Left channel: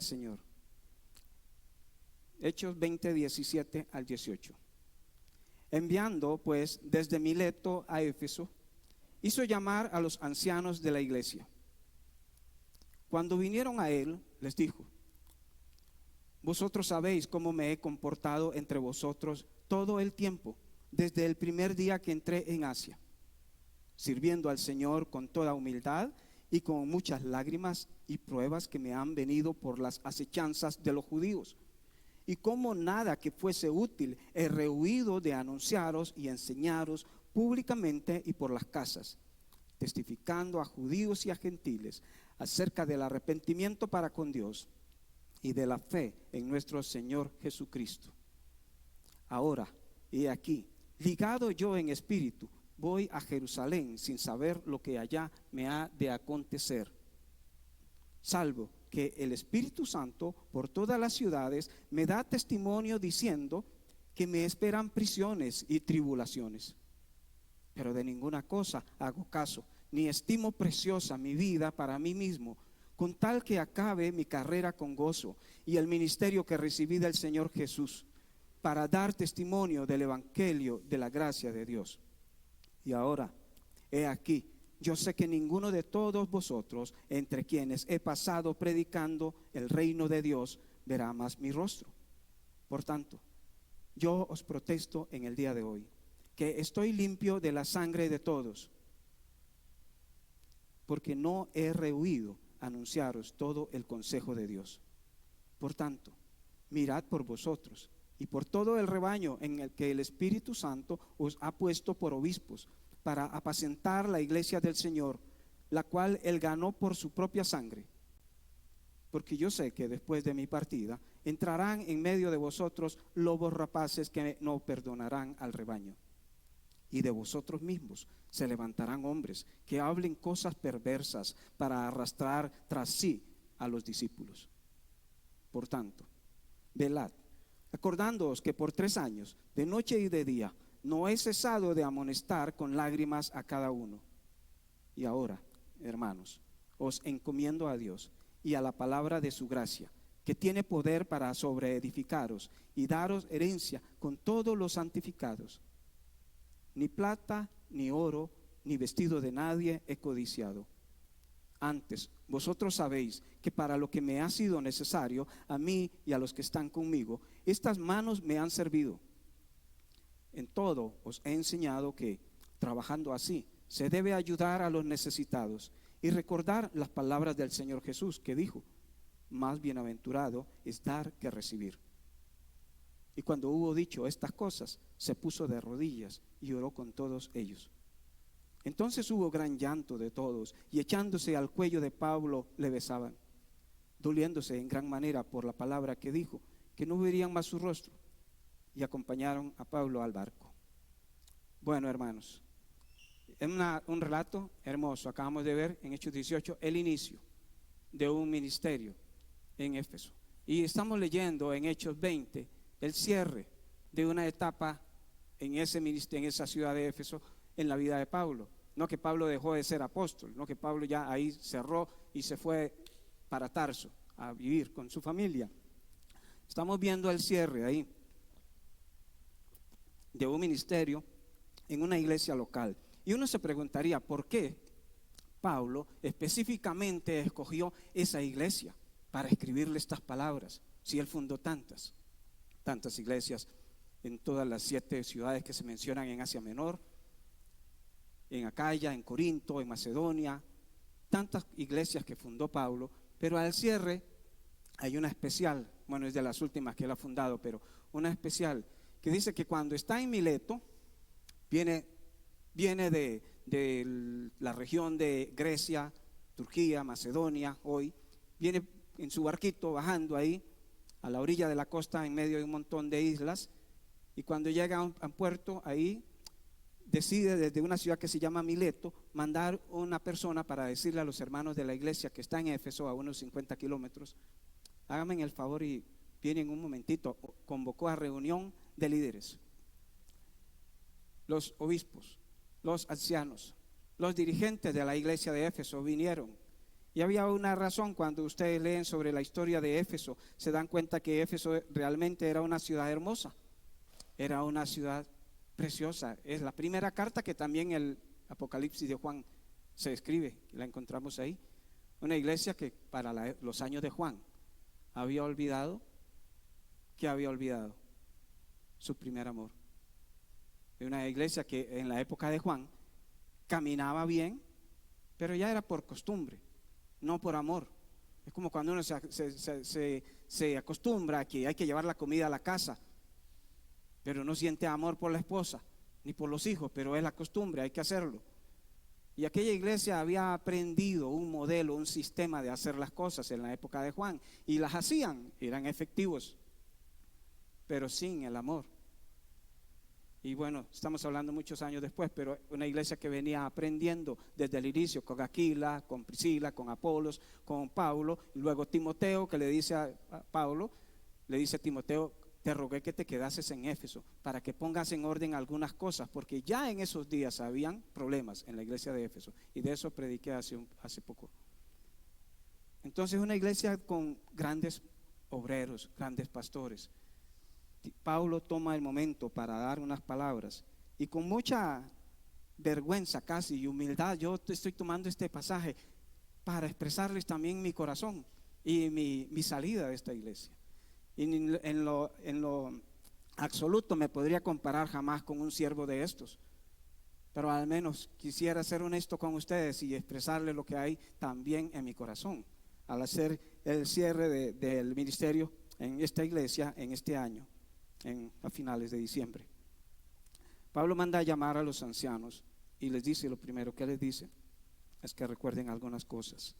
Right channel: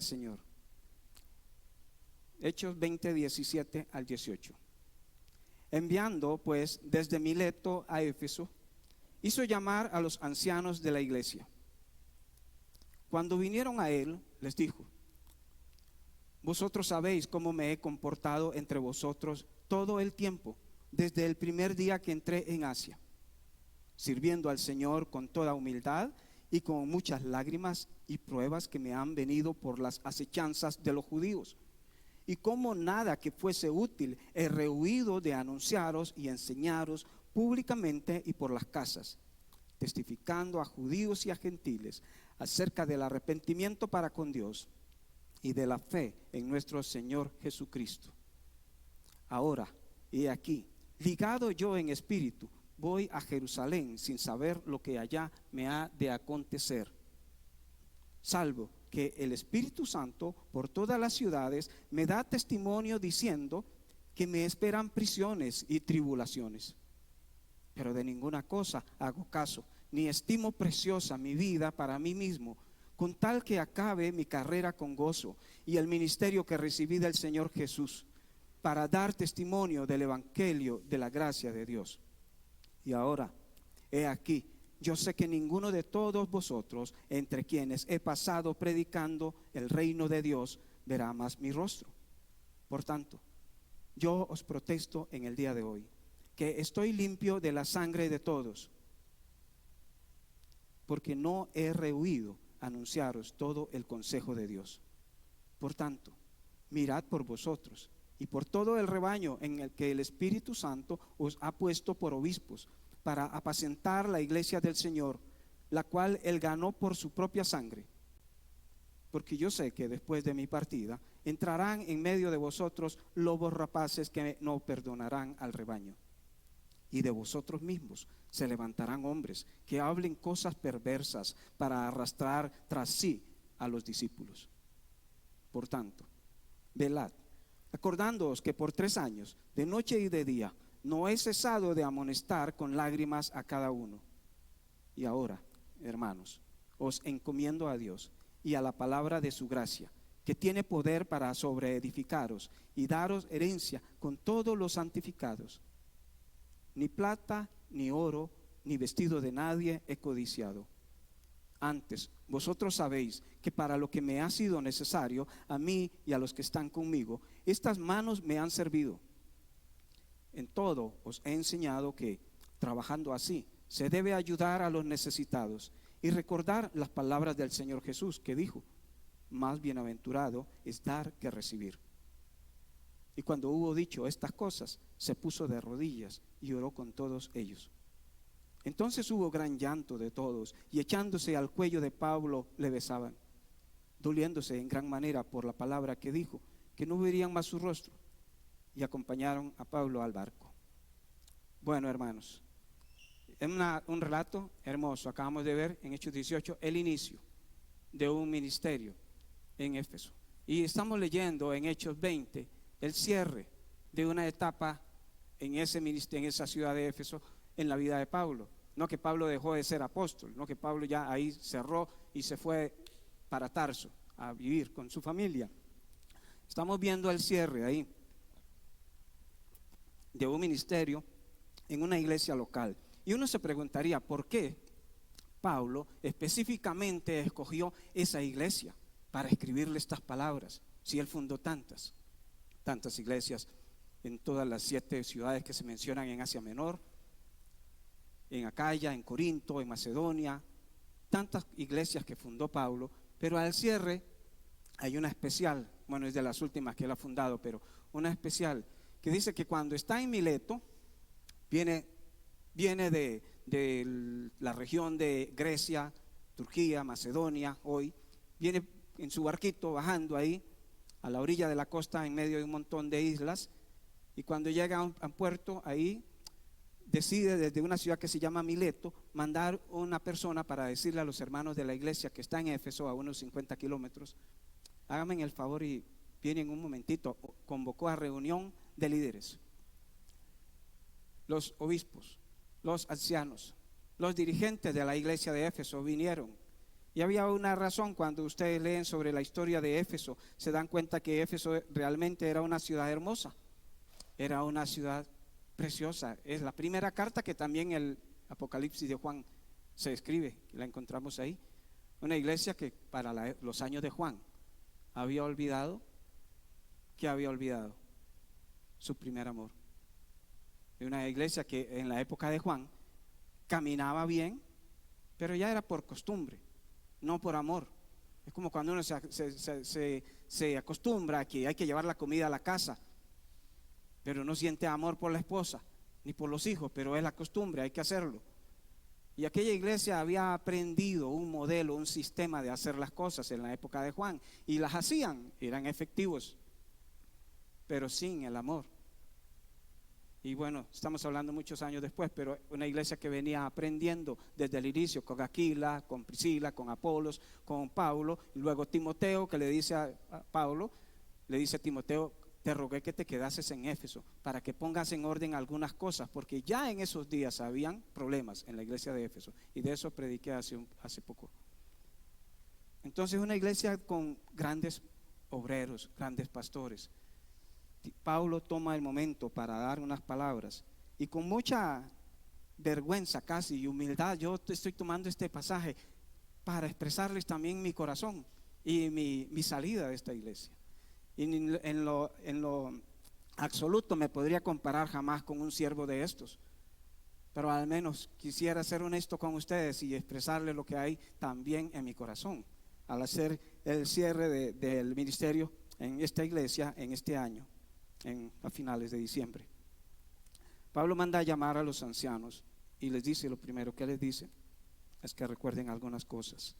del Señor. Hechos 20, 17 al 18. Enviando pues desde Mileto a Éfeso, hizo llamar a los ancianos de la iglesia. Cuando vinieron a él, les dijo: vosotros sabéis cómo me he comportado entre vosotros todo el tiempo, desde el primer día que entré en Asia, sirviendo al Señor con toda humildad y con muchas lágrimas y pruebas que me han venido por las acechanzas de los judíos. Y como nada que fuese útil he rehuido de anunciaros y enseñaros públicamente y por las casas, testificando a judíos y a gentiles acerca del arrepentimiento para con Dios y de la fe en nuestro Señor Jesucristo. Ahora, he aquí, ligado yo en espíritu, voy a Jerusalén sin saber lo que allá me ha de acontecer, salvo que el Espíritu Santo por todas las ciudades me da testimonio diciendo que me esperan prisiones y tribulaciones. Pero de ninguna cosa hago caso, ni estimo preciosa mi vida para mí mismo, con tal que acabe mi carrera con gozo y el ministerio que recibí del Señor Jesús, para dar testimonio del evangelio de la gracia de Dios. Y ahora, he aquí, yo sé que ninguno de todos vosotros, entre quienes he pasado predicando el reino de Dios, verá más mi rostro. Por tanto, yo os protesto en el día de hoy, que estoy limpio de la sangre de todos, porque no he rehuido anunciaros todo el consejo de Dios. Por tanto, mirad por vosotros y por todo el rebaño en el que el Espíritu Santo os ha puesto por obispos, para apacentar la iglesia del Señor, la cual él ganó por su propia sangre. Porque yo sé que después de mi partida entrarán en medio de vosotros lobos rapaces que no perdonarán al rebaño. Y de vosotros mismos se levantarán hombres que hablen cosas perversas para arrastrar tras sí a los discípulos. Por tanto, velad, acordándoos que por 3 años, de noche y de día, no he cesado de amonestar con lágrimas a cada uno. Y ahora, hermanos, os encomiendo a Dios y a la palabra de su gracia, que tiene poder para sobreedificaros y daros herencia con todos los santificados. Ni plata, ni oro, ni vestido de nadie he codiciado. Antes, vosotros sabéis que para lo que me ha sido necesario, a mí y a los que están conmigo, estas manos me han servido. En todo os he enseñado que, trabajando así, se debe ayudar a los necesitados y recordar las palabras del Señor Jesús, que dijo: más bienaventurado es dar que recibir. Y cuando hubo dicho estas cosas, se puso de rodillas y oró con todos ellos. Entonces hubo gran llanto de todos, y echándose al cuello de Pablo le besaban, doliéndose en gran manera por la palabra que dijo, que no verían más su rostro. Y acompañaron a Pablo al barco. Bueno, hermanos, es un relato hermoso. Acabamos de ver en Hechos 18 el inicio de un ministerio en Éfeso. Y estamos leyendo en Hechos 20 el cierre de una etapa en ese ministerio, en esa ciudad de Éfeso, en la vida de Pablo. No que Pablo dejó de ser apóstol, no que Pablo ya ahí cerró y se fue para Tarso a vivir con su familia. Estamos viendo el cierre ahí de un ministerio en una iglesia local. Y uno se preguntaría, ¿por qué Pablo específicamente escogió esa iglesia para escribirle estas palabras? Si él fundó tantas iglesias en todas las 7 ciudades que se mencionan en Asia Menor, en Acaya, en Corinto, en Macedonia, tantas iglesias que fundó Pablo, pero al cierre hay una especial, bueno, es de las últimas que él ha fundado, pero una especial que dice que cuando está en Mileto, viene de la región de Grecia, Turquía, Macedonia, hoy, viene en su barquito bajando ahí a la orilla de la costa en medio de un montón de islas, y cuando llega a un puerto ahí, decide desde una ciudad que se llama Mileto mandar una persona para decirle a los hermanos de la iglesia que está en Éfeso, a unos 50 kilómetros: háganme el favor y vienen un momentito. Convocó a reunión de líderes, los obispos, los ancianos, los dirigentes de la iglesia de Éfeso vinieron Y había una razón. Cuando ustedes leen sobre la historia de Éfeso, se dan cuenta que Éfeso realmente era una ciudad hermosa, era una ciudad preciosa. Es la primera carta que también el Apocalipsis de Juan se escribe, la encontramos ahí. Una iglesia que para los años de Juan había olvidado, ¿qué había olvidado? Su primer amor. Una iglesia que en la época de Juan caminaba bien, pero ya era por costumbre, no por amor. Es como cuando uno se acostumbra a que hay que llevar la comida a la casa, pero no siente amor por la esposa ni por los hijos, pero es la costumbre, hay que hacerlo. Y aquella iglesia había aprendido un modelo, un sistema de hacer las cosas en la época de Juan, y las hacían, eran efectivos, pero sin el amor. Y bueno, estamos hablando muchos años después, pero una iglesia que venía aprendiendo desde el inicio con Aquila, con Priscila, con Apolos, con Pablo, y luego Timoteo, que le dice a Pablo, le dice a Timoteo: te rogué que te quedases en Éfeso para que pongas en orden algunas cosas, porque ya en esos días habían problemas en la iglesia de Éfeso, y de eso prediqué hace poco. Entonces, una iglesia con grandes obreros, grandes pastores. Pablo toma el momento para dar unas palabras, y con mucha vergüenza casi y humildad, yo estoy tomando este pasaje para expresarles también mi corazón y mi salida de esta iglesia. Y en lo absoluto me podría comparar jamás con un siervo de estos, pero al menos quisiera ser honesto con ustedes y expresarles lo que hay también en mi corazón al hacer el cierre del ministerio en esta iglesia en este año, a finales de diciembre. Pablo manda a llamar a los ancianos y les dice, lo primero que les dice es que recuerden algunas cosas.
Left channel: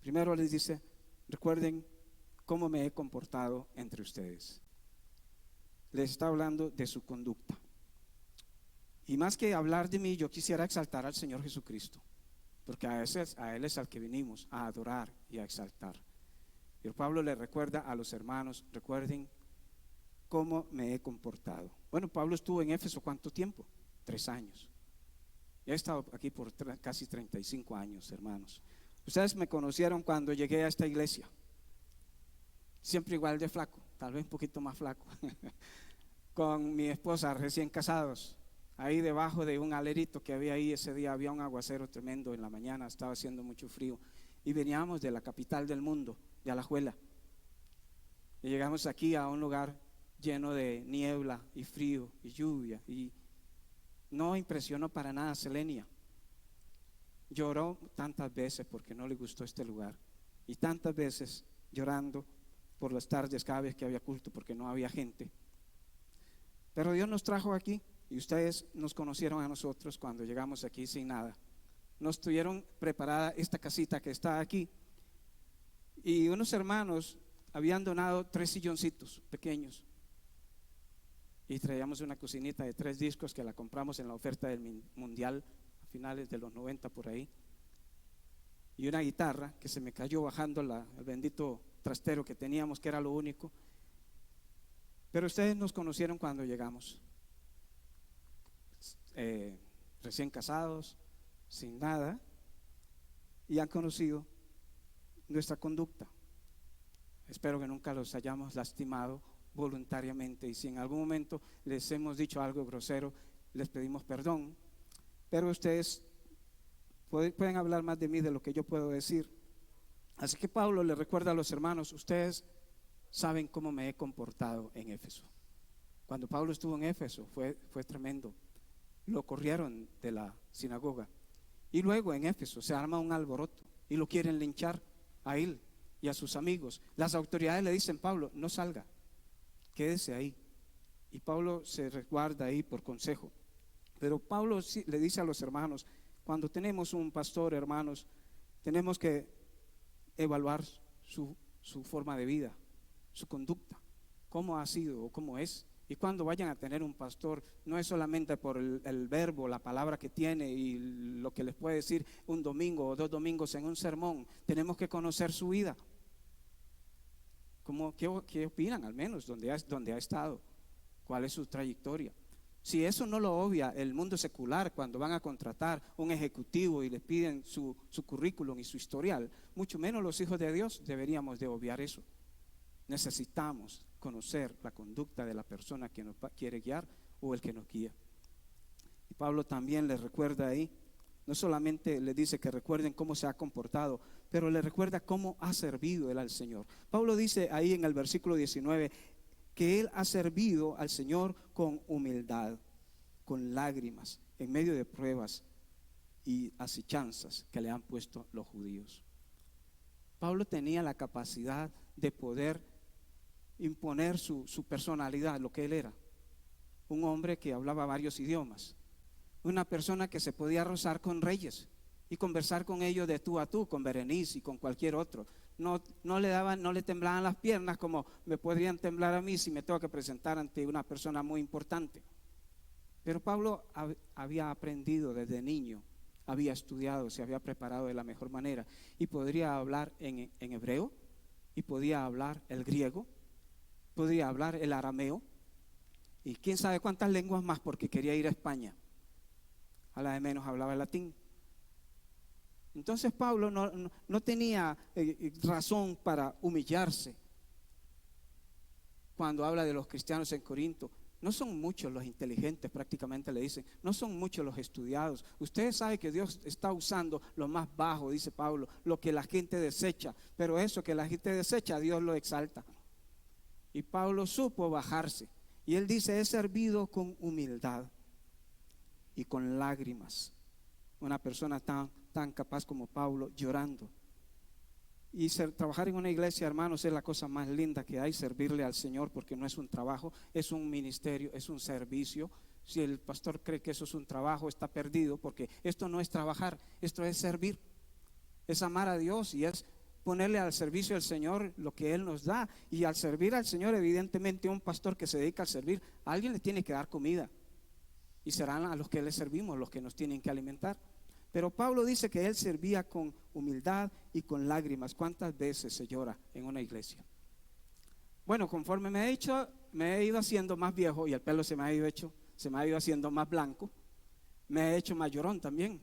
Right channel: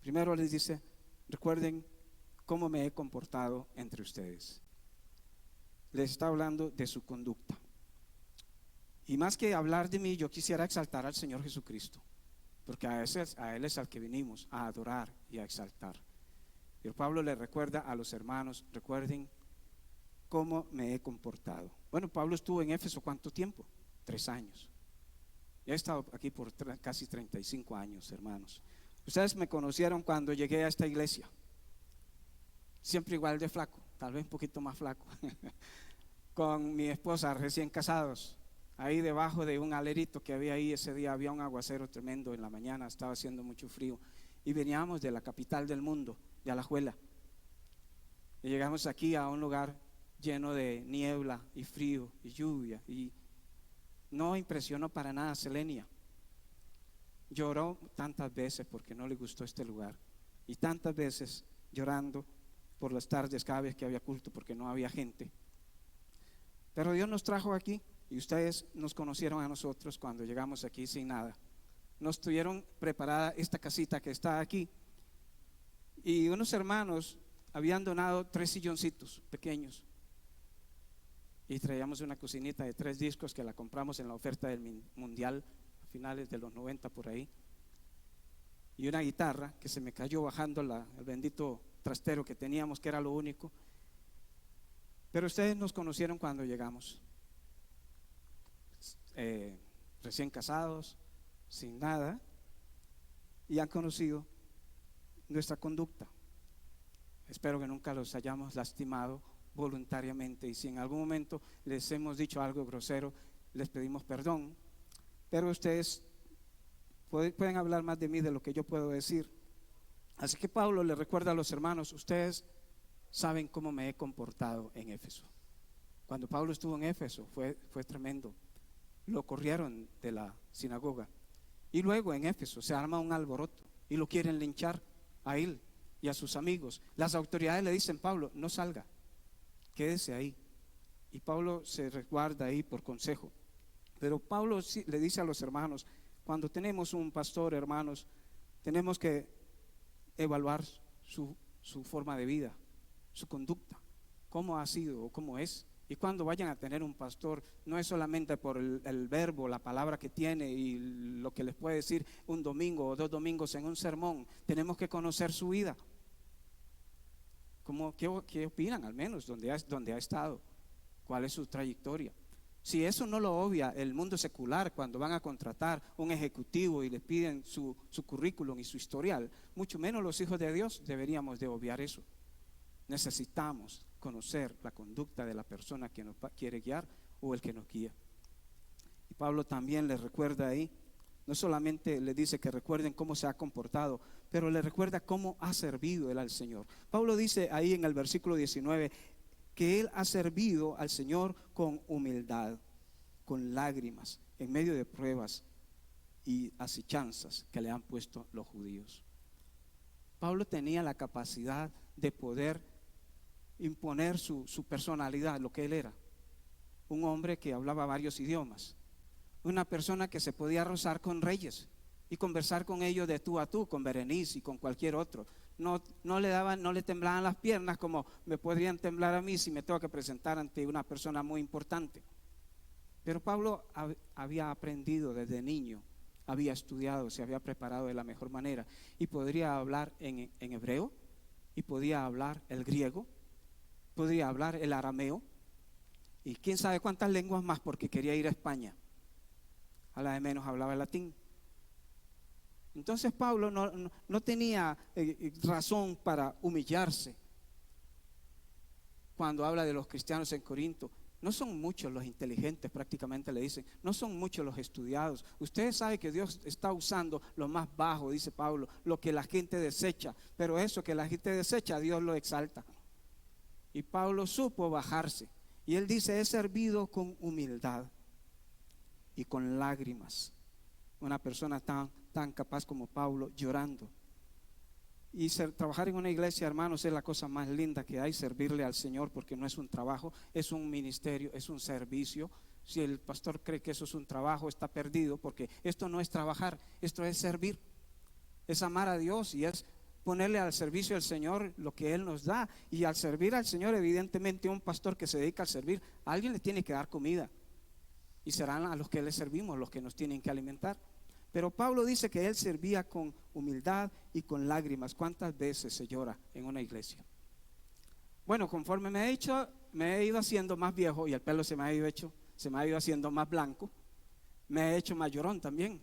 Primero les dice: recuerden cómo me he comportado entre ustedes. Les está hablando de su conducta. Y más que hablar de mí, yo quisiera exaltar al Señor Jesucristo, porque a Él es al que vinimos a adorar y a exaltar. Y Pablo le recuerda a los hermanos: recuerden cómo me he comportado. Bueno, Pablo estuvo en Éfeso ¿cuánto tiempo? 3 años. He estado aquí por casi 35 años, hermanos. Ustedes me conocieron cuando llegué a esta iglesia, siempre igual de flaco, tal vez un poquito más flaco, con mi esposa, recién casados, ahí debajo de un alerito que había ahí. Ese día había un aguacero tremendo en la mañana, estaba haciendo mucho frío, y veníamos de la capital del mundo, de Alajuela, y llegamos aquí a un lugar lleno de niebla y frío y lluvia, y no impresionó para nada Selenia. Lloró tantas veces porque no le gustó este lugar, y tantas veces llorando por las tardes cada vez que había culto porque no había gente. Pero Dios nos trajo aquí, y ustedes nos conocieron a nosotros cuando llegamos aquí sin nada. Nos tuvieron preparada esta casita que está aquí, y unos hermanos habían donado 3 silloncitos pequeños, y traíamos una cocinita de 3 discos que la compramos en la oferta del mundial a finales de los 90 por ahí, y una guitarra que se me cayó bajando el bendito trastero que teníamos, que era lo único. Pero ustedes nos conocieron cuando llegamos, recién casados, sin nada, y han conocido nuestra conducta. Espero que nunca los hayamos lastimado voluntariamente, y si en algún momento les hemos dicho algo grosero, les pedimos perdón, pero ustedes pueden hablar más de mí de lo que yo puedo decir. Así que Pablo le recuerda a los hermanos: ustedes saben cómo me he comportado en Éfeso. Cuando Pablo estuvo en Éfeso fue tremendo. Lo corrieron de la sinagoga, y luego en Éfeso se arma un alboroto y lo quieren linchar a él y a sus amigos. Las autoridades le dicen: Pablo, no salga, quédese ahí. Y Pablo se resguarda ahí por consejo. Pero Pablo le dice a los hermanos: cuando tenemos un pastor, hermanos, tenemos que evaluar su forma de vida, su conducta, cómo ha sido o cómo es. Y cuando vayan a tener un pastor, no es solamente por el verbo, la palabra que tiene y lo que les puede decir un domingo o 2 domingos en un sermón. Tenemos que conocer su vida. ¿Qué opinan, al menos donde ha estado? ¿Cuál es su trayectoria? Si eso no lo obvia el mundo secular cuando van a contratar un ejecutivo y les piden su currículum y su historial, mucho menos los hijos de Dios, deberíamos de obviar eso. Necesitamos conocer la conducta de la persona que nos quiere guiar o el que nos guía. Y Pablo también les recuerda ahí, no solamente les dice que recuerden cómo se ha comportado, pero les recuerda cómo ha servido él al Señor. Pablo dice ahí en el versículo 19 que él ha servido al Señor con humildad, con lágrimas, en medio de pruebas y asechanzas que le han puesto los judíos. Pablo tenía la capacidad de poder imponer su personalidad, lo que él era. Un hombre que hablaba varios idiomas, una persona que se podía rozar con reyes y conversar con ellos de tú a tú, con Berenice y con cualquier otro. No le temblaban las piernas como me podrían temblar a mí si me tengo que presentar ante una persona muy importante. Pero Pablo había aprendido desde niño, había estudiado, se había preparado de la mejor manera y podría hablar en hebreo, y podía hablar el griego, podía hablar el arameo y quién sabe cuántas lenguas más, porque quería ir a España. A la de menos hablaba el latín. Entonces Pablo no tenía razón para humillarse cuando habla de los cristianos en Corinto. No son muchos los inteligentes, prácticamente le dicen, no son muchos los estudiados. Ustedes saben que Dios está usando lo más bajo, dice Pablo, lo que la gente desecha, pero eso que la gente desecha, Dios lo exalta. Y Pablo supo bajarse, y él dice, he servido con humildad y con lágrimas. Una persona tan capaz como Pablo, llorando. Y trabajar en una iglesia, hermanos, es la cosa más linda que hay, servirle al Señor, porque no es un trabajo, es un ministerio, es un servicio. Si el pastor cree que eso es un trabajo, está perdido, porque esto no es trabajar, esto es servir, es amar a Dios y es ponerle al servicio del Señor lo que Él nos da. Y al servir al Señor, evidentemente un pastor que se dedica a servir, a alguien le tiene que dar comida, y serán a los que le servimos los que nos tienen que alimentar. Pero Pablo dice que él servía con humildad y con lágrimas. ¿Cuántas veces se llora en una iglesia? Bueno, conforme me he ido haciendo más viejo y el pelo se me ha ido haciendo más blanco, me he hecho más llorón también.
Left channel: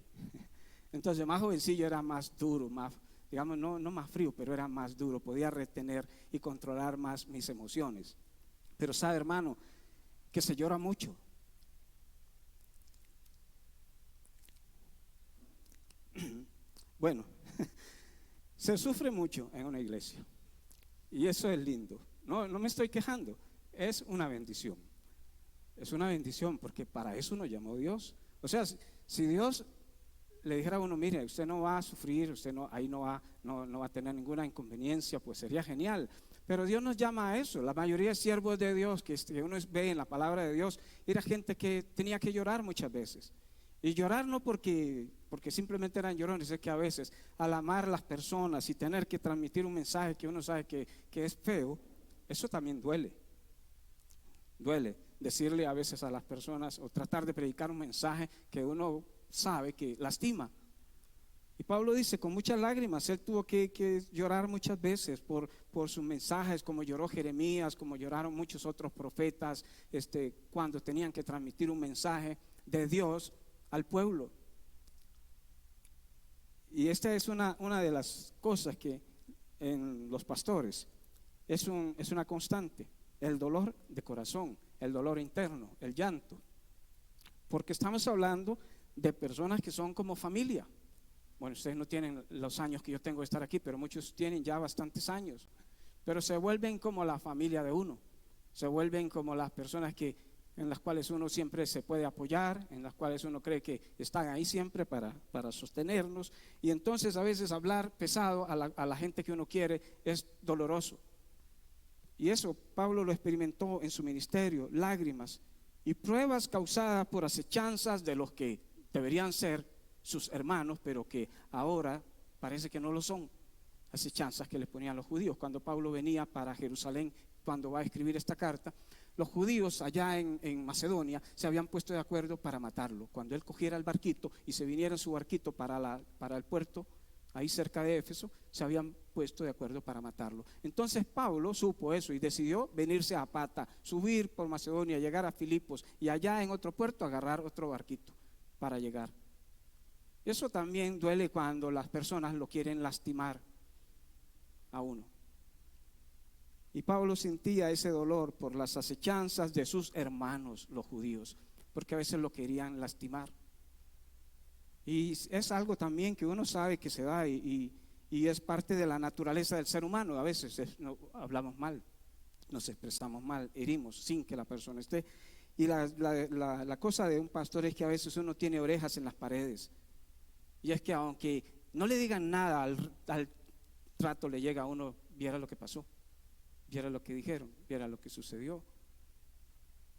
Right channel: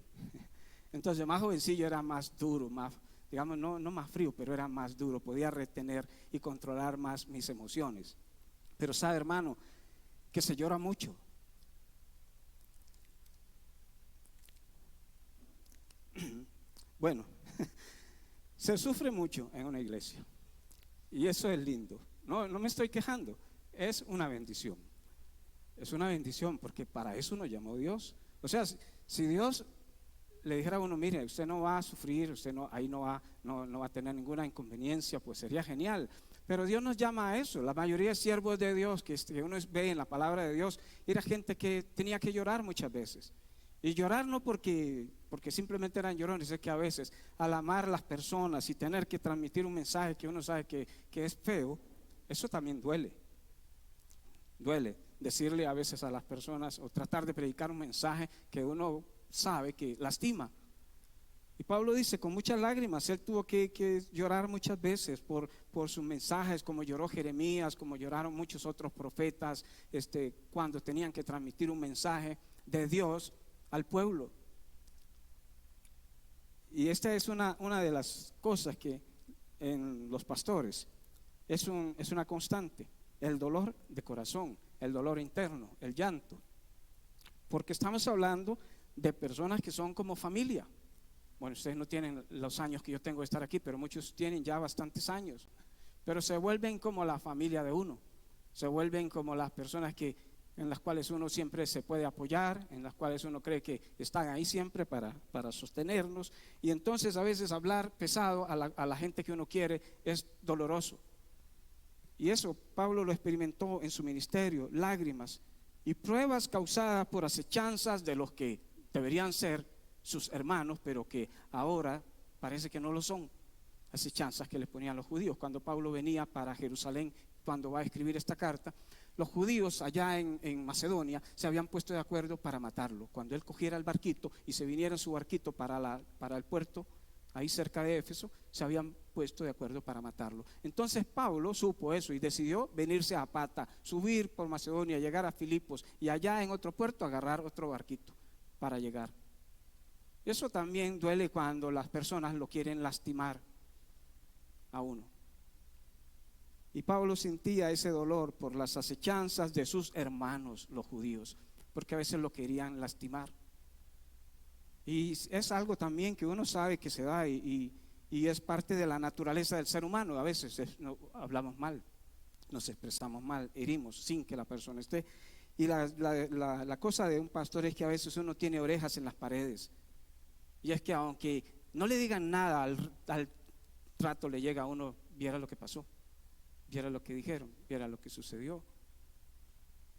Entonces más jovencillo era más duro, más, digamos, no más frío, pero era más duro, podía retener y controlar más mis emociones. Pero sabe, hermano, que se llora mucho. Bueno, se sufre mucho en una iglesia y eso es lindo. No me estoy quejando, es una bendición. Es una bendición porque para eso nos llamó Dios. O sea, si Dios le dijera a uno, mire, usted no va a sufrir, usted ahí no va a tener ninguna inconveniencia, pues sería genial. Pero Dios nos llama a eso. La mayoría de siervos de Dios que uno ve en la palabra de Dios, era gente que tenía que llorar muchas veces. Y llorar no porque simplemente eran llorones, es que a veces al amar a las personas y tener que transmitir un mensaje que uno sabe que es feo, eso también duele. Duele decirle a veces a las personas o tratar de predicar un mensaje que uno sabe que lastima. Y Pablo dice, con muchas lágrimas, él tuvo que llorar muchas veces por sus mensajes, como lloró Jeremías, como lloraron muchos otros profetas, cuando tenían que transmitir un mensaje de Dios al pueblo. Y esta es una de las cosas que en los pastores es una constante, el dolor de corazón, el dolor interno, el llanto, porque estamos hablando de personas que son como familia. Bueno, ustedes no tienen los años que yo tengo de estar aquí, pero muchos tienen ya bastantes años, pero se vuelven como la familia de uno, se vuelven como las personas en las cuales uno siempre se puede apoyar, en las cuales uno cree que están ahí siempre para sostenernos. Y entonces a veces hablar pesado a la gente que uno quiere es doloroso. Y eso Pablo lo experimentó en su ministerio, lágrimas y pruebas causadas por asechanzas de los que deberían ser sus hermanos, pero que ahora parece que no lo son. Asechanzas que le ponían los judíos. Cuando Pablo venía para Jerusalén, cuando va a escribir esta carta, los judíos allá en Macedonia se habían puesto de acuerdo para matarlo. Cuando él cogiera el barquito y se viniera en su barquito para el puerto, ahí cerca de Éfeso, se habían puesto de acuerdo para matarlo. Entonces Pablo supo eso y decidió venirse a pata, subir por Macedonia, llegar a Filipos y allá en otro puerto agarrar otro barquito para llegar. Eso también duele cuando las personas lo quieren lastimar, a uno. Y Pablo sentía ese dolor por las acechanzas de sus hermanos, los judíos, porque a veces lo querían lastimar. Y es algo también que uno sabe que se da y es parte de la naturaleza del ser humano. A veces no, hablamos mal, nos expresamos mal, herimos sin que la persona esté. Y la cosa de un pastor es que a veces uno tiene orejas en las paredes. Y es que aunque no le digan nada, al trato le llega a uno, viera lo que pasó, viera lo que dijeron, viera lo que sucedió.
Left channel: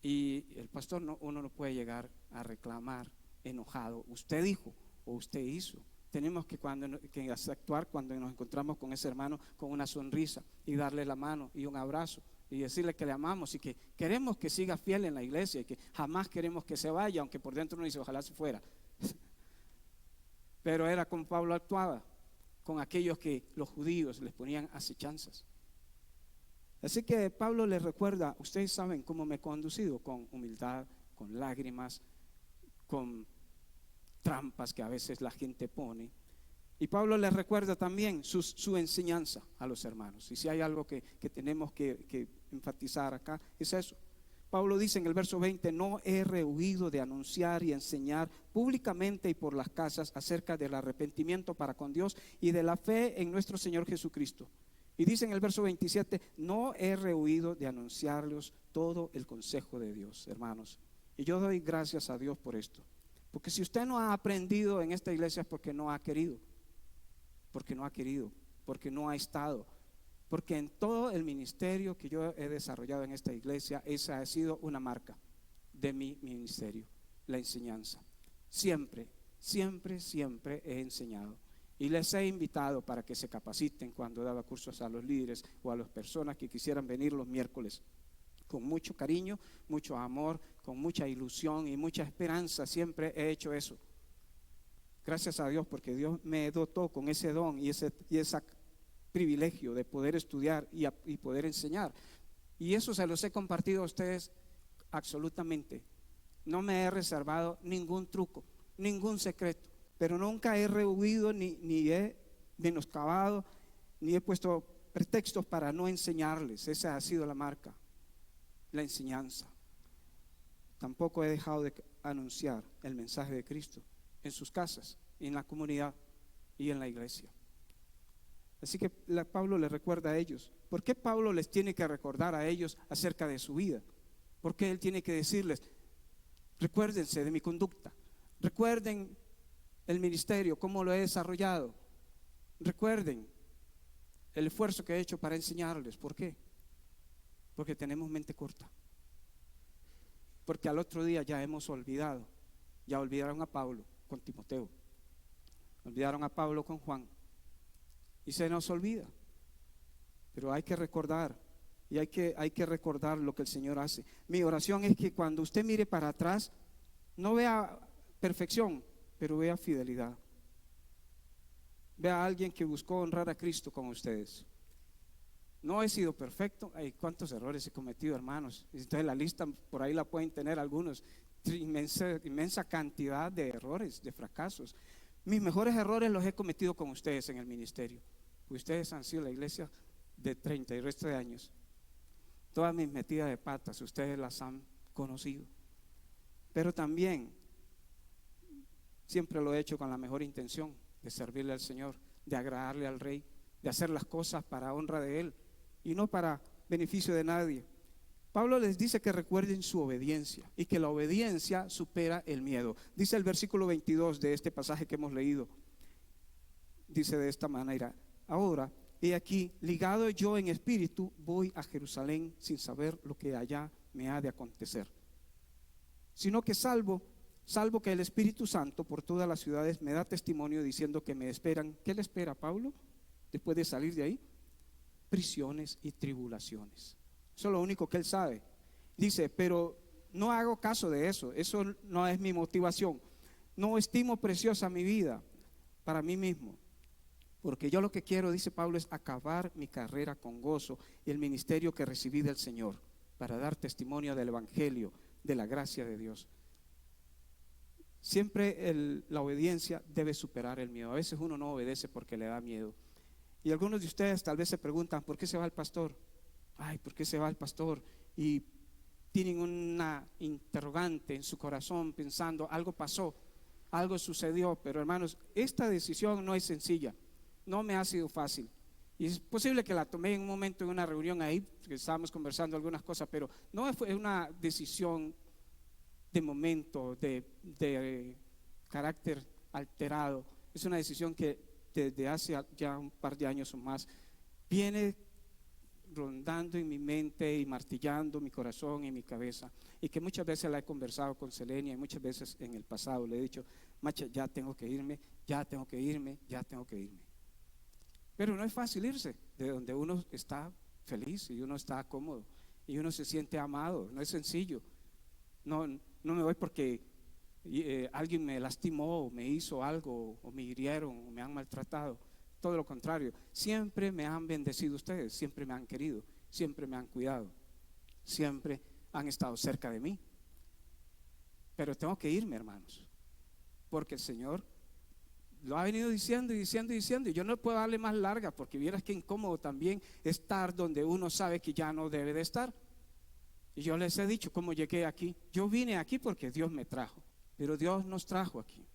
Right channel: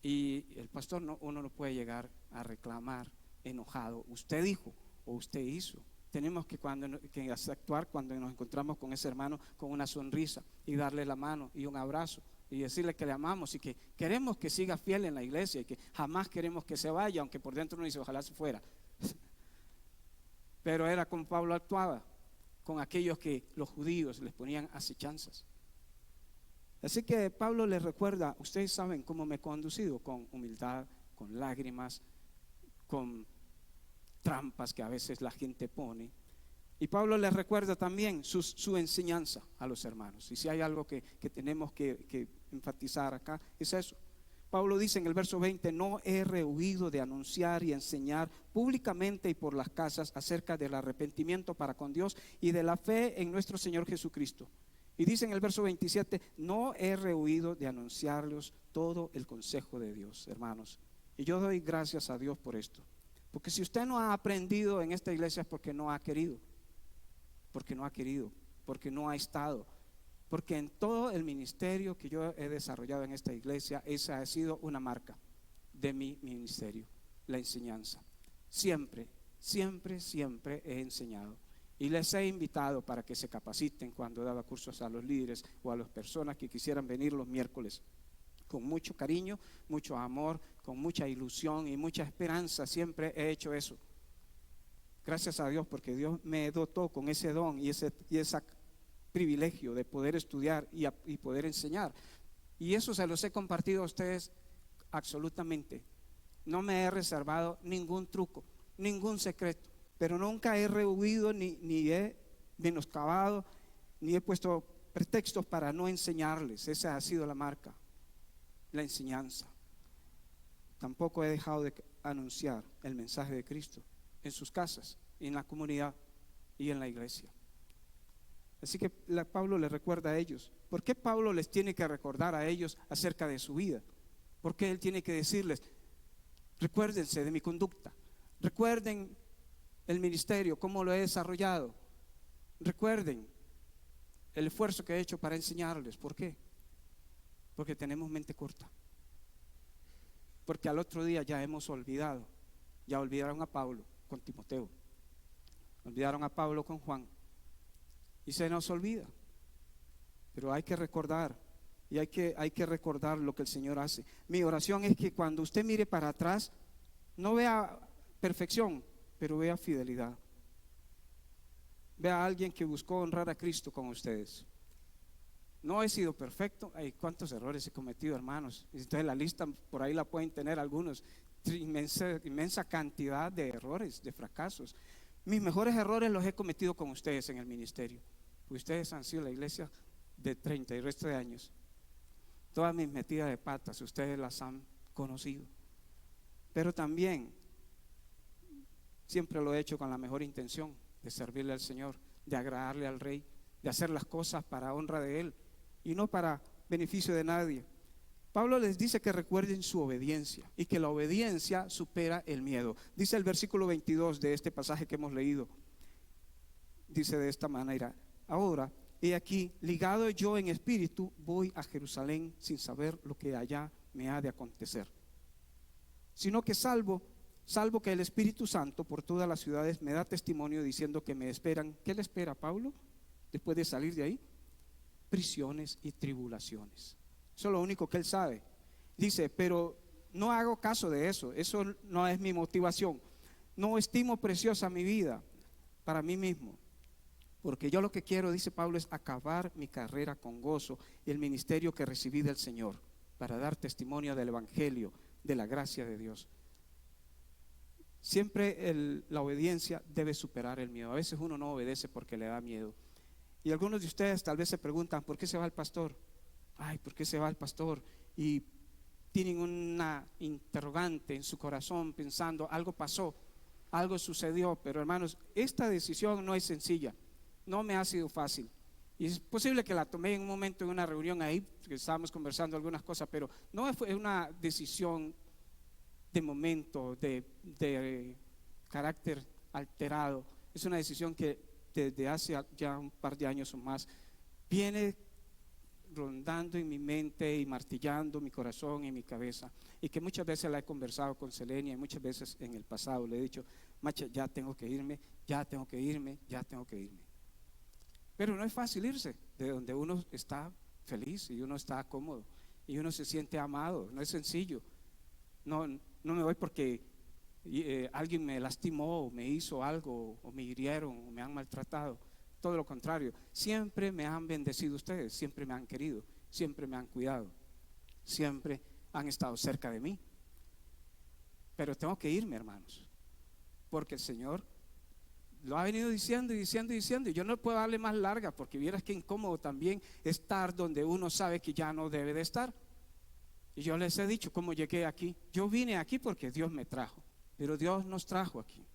Y el pastor uno no puede llegar a reclamar enojado. Usted dijo o usted hizo. Tenemos que actuar cuando nos encontramos con ese hermano con una sonrisa y darle la mano y un abrazo y decirle que le amamos y que queremos que siga fiel en la iglesia y que jamás queremos que se vaya, aunque por dentro uno dice ojalá se fuera. Pero era como Pablo actuaba con aquellos que los judíos les ponían acechanzas. Así que Pablo les recuerda, ustedes saben cómo me he conducido, con humildad, con lágrimas, con trampas que a veces la gente pone. Y Pablo les recuerda también su enseñanza a los hermanos. Y si hay algo que tenemos que enfatizar acá, es eso. Pablo dice en el verso 20, no he rehuido de anunciar y enseñar públicamente y por las casas acerca del arrepentimiento para con Dios y de la fe en nuestro Señor Jesucristo. Y dice en el verso 27, no he rehuido de anunciarles todo el consejo de Dios, hermanos. Y yo doy gracias a Dios por esto. Porque si usted no ha aprendido en esta iglesia es porque no ha querido. Porque no ha querido, porque no ha estado. Porque en todo el ministerio que yo he desarrollado en esta iglesia, esa ha sido una marca de mi ministerio, la enseñanza. Siempre, siempre, siempre he enseñado. Y les he invitado para que se capaciten cuando daba cursos a los líderes o a las personas que quisieran venir los miércoles. Con mucho cariño, mucho amor, con mucha ilusión y mucha esperanza, siempre he hecho eso. Gracias a Dios porque Dios me dotó con ese don y ese privilegio de poder estudiar y poder enseñar. Y eso se los he compartido a ustedes absolutamente. No me he reservado ningún truco, ningún secreto, pero nunca he rehuido ni he menoscabado, ni he puesto pretextos para no enseñarles. Esa ha sido la marca, la enseñanza. Tampoco he dejado de anunciar el mensaje de Cristo en sus casas, en la comunidad y en la iglesia. Así que Pablo les recuerda a ellos. ¿Por qué Pablo les tiene que recordar a ellos acerca de su vida? ¿Por qué él tiene que decirles, recuérdense de mi conducta, recuerden el ministerio, cómo lo he desarrollado, recuerden el esfuerzo que he hecho para enseñarles? ¿Por qué? Porque tenemos mente corta. Porque al otro día ya hemos olvidado. Ya olvidaron a Pablo con Timoteo, olvidaron a Pablo con Juan, y se nos olvida. Pero hay que recordar, y hay que recordar lo que el Señor hace. Mi oración es que cuando usted mire para atrás, no vea perfección, pero vea fidelidad. Vea a alguien que buscó honrar a Cristo con ustedes. No he sido perfecto. Ay, cuántos errores he cometido, hermanos. Entonces la lista por ahí la pueden tener algunos. Inmensa cantidad de errores, de fracasos. Mis mejores errores los he cometido con ustedes en el ministerio. Ustedes han sido la iglesia de 30 y resto de años. Todas mis metidas de patas, ustedes las han conocido. Pero también siempre lo he hecho con la mejor intención de servirle al Señor, de agradarle al Rey, de hacer las cosas para honra de Él y no para beneficio de nadie. Pablo les dice que recuerden su obediencia y que la obediencia supera el miedo. Dice el versículo 22 de este pasaje que hemos leído. Dice de esta manera: ahora, he aquí, ligado yo en espíritu, voy a Jerusalén sin saber lo que allá me ha de acontecer. Sino que salvo que el Espíritu Santo por todas las ciudades me da testimonio diciendo que me esperan. ¿Qué le espera a Pablo después de salir de ahí? Prisiones y tribulaciones. Eso es lo único que él sabe. Dice, pero no hago caso de eso. Eso no es mi motivación. No estimo preciosa mi vida para mí mismo. Porque yo lo que quiero, dice Pablo, es acabar mi carrera con gozo y el ministerio que recibí del Señor para dar testimonio del Evangelio, de la gracia de Dios. Siempre la obediencia debe superar el miedo. A veces uno no obedece porque le da miedo. Y algunos de ustedes tal vez se preguntan, ¿por qué se va el pastor? Ay, ¿por qué se va el pastor? Y tienen una interrogante en su corazón pensando, algo pasó, algo sucedió. Pero hermanos, esta decisión no es sencilla, no me ha sido fácil. Y es posible que la tomé en un momento en una reunión ahí, que estábamos conversando algunas cosas, pero no fue una decisión de momento, de carácter alterado. Es una decisión que desde hace ya un par de años o más viene rondando en mi mente y martillando mi corazón y mi cabeza, y que muchas veces la he conversado con Selenia, y muchas veces en el pasado le he dicho, Macha, ya tengo que irme, ya tengo que irme, ya tengo que irme. Pero no es fácil irse de donde uno está feliz y uno está cómodo y uno se siente amado. No es sencillo. No me voy porque alguien me lastimó o me hizo algo o me hirieron o me han maltratado. Todo lo contrario, siempre me han bendecido ustedes, siempre me han querido, siempre me han cuidado, siempre han estado cerca de mí. Pero tengo que irme, hermanos, porque el Señor lo ha venido diciendo y diciendo y diciendo, y yo no puedo darle más larga, porque vieras que incómodo también estar donde uno sabe que ya no debe de estar. Y yo les he dicho cómo llegué aquí. Yo vine aquí porque Dios me trajo, pero Dios nos trajo aquí.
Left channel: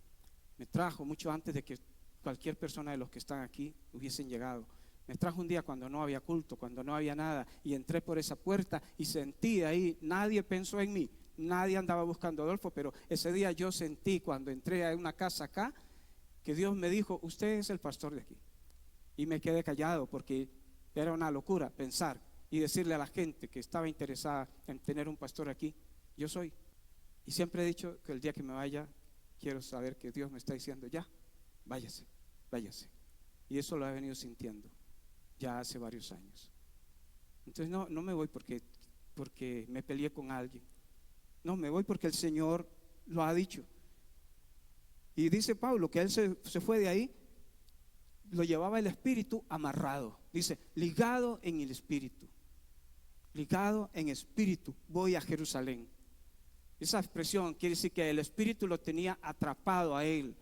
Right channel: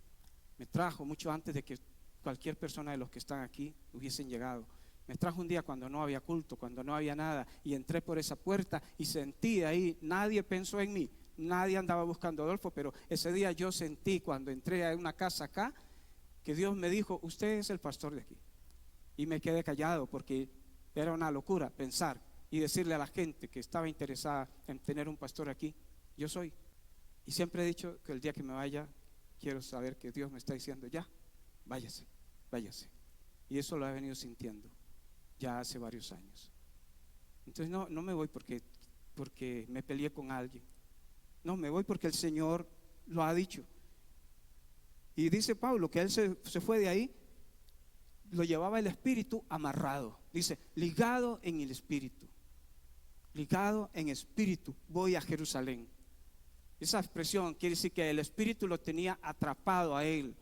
Me trajo mucho antes de que cualquier persona de los que están aquí hubiesen llegado. Me trajo un día cuando no había culto, cuando no había nada, y entré por esa puerta y sentí ahí, nadie pensó en mí, nadie andaba buscando a Adolfo, pero ese día yo sentí cuando entré a una casa acá, que Dios me dijo, usted es el pastor de aquí. Y me quedé callado porque era una locura pensar y decirle a la gente que estaba interesada en tener un pastor aquí, yo soy. Y siempre he dicho que el día que me vaya, quiero saber que Dios me está diciendo, ya, váyase, váyase. Y eso lo he venido sintiendo ya hace varios años. Entonces no me voy porque me peleé con alguien. No, me voy porque el Señor lo ha dicho. Y dice Pablo que él se fue de ahí, lo llevaba el espíritu amarrado. Dice, ligado en el espíritu. Ligado en espíritu, voy a Jerusalén. Esa expresión quiere decir que el espíritu lo tenía atrapado a él.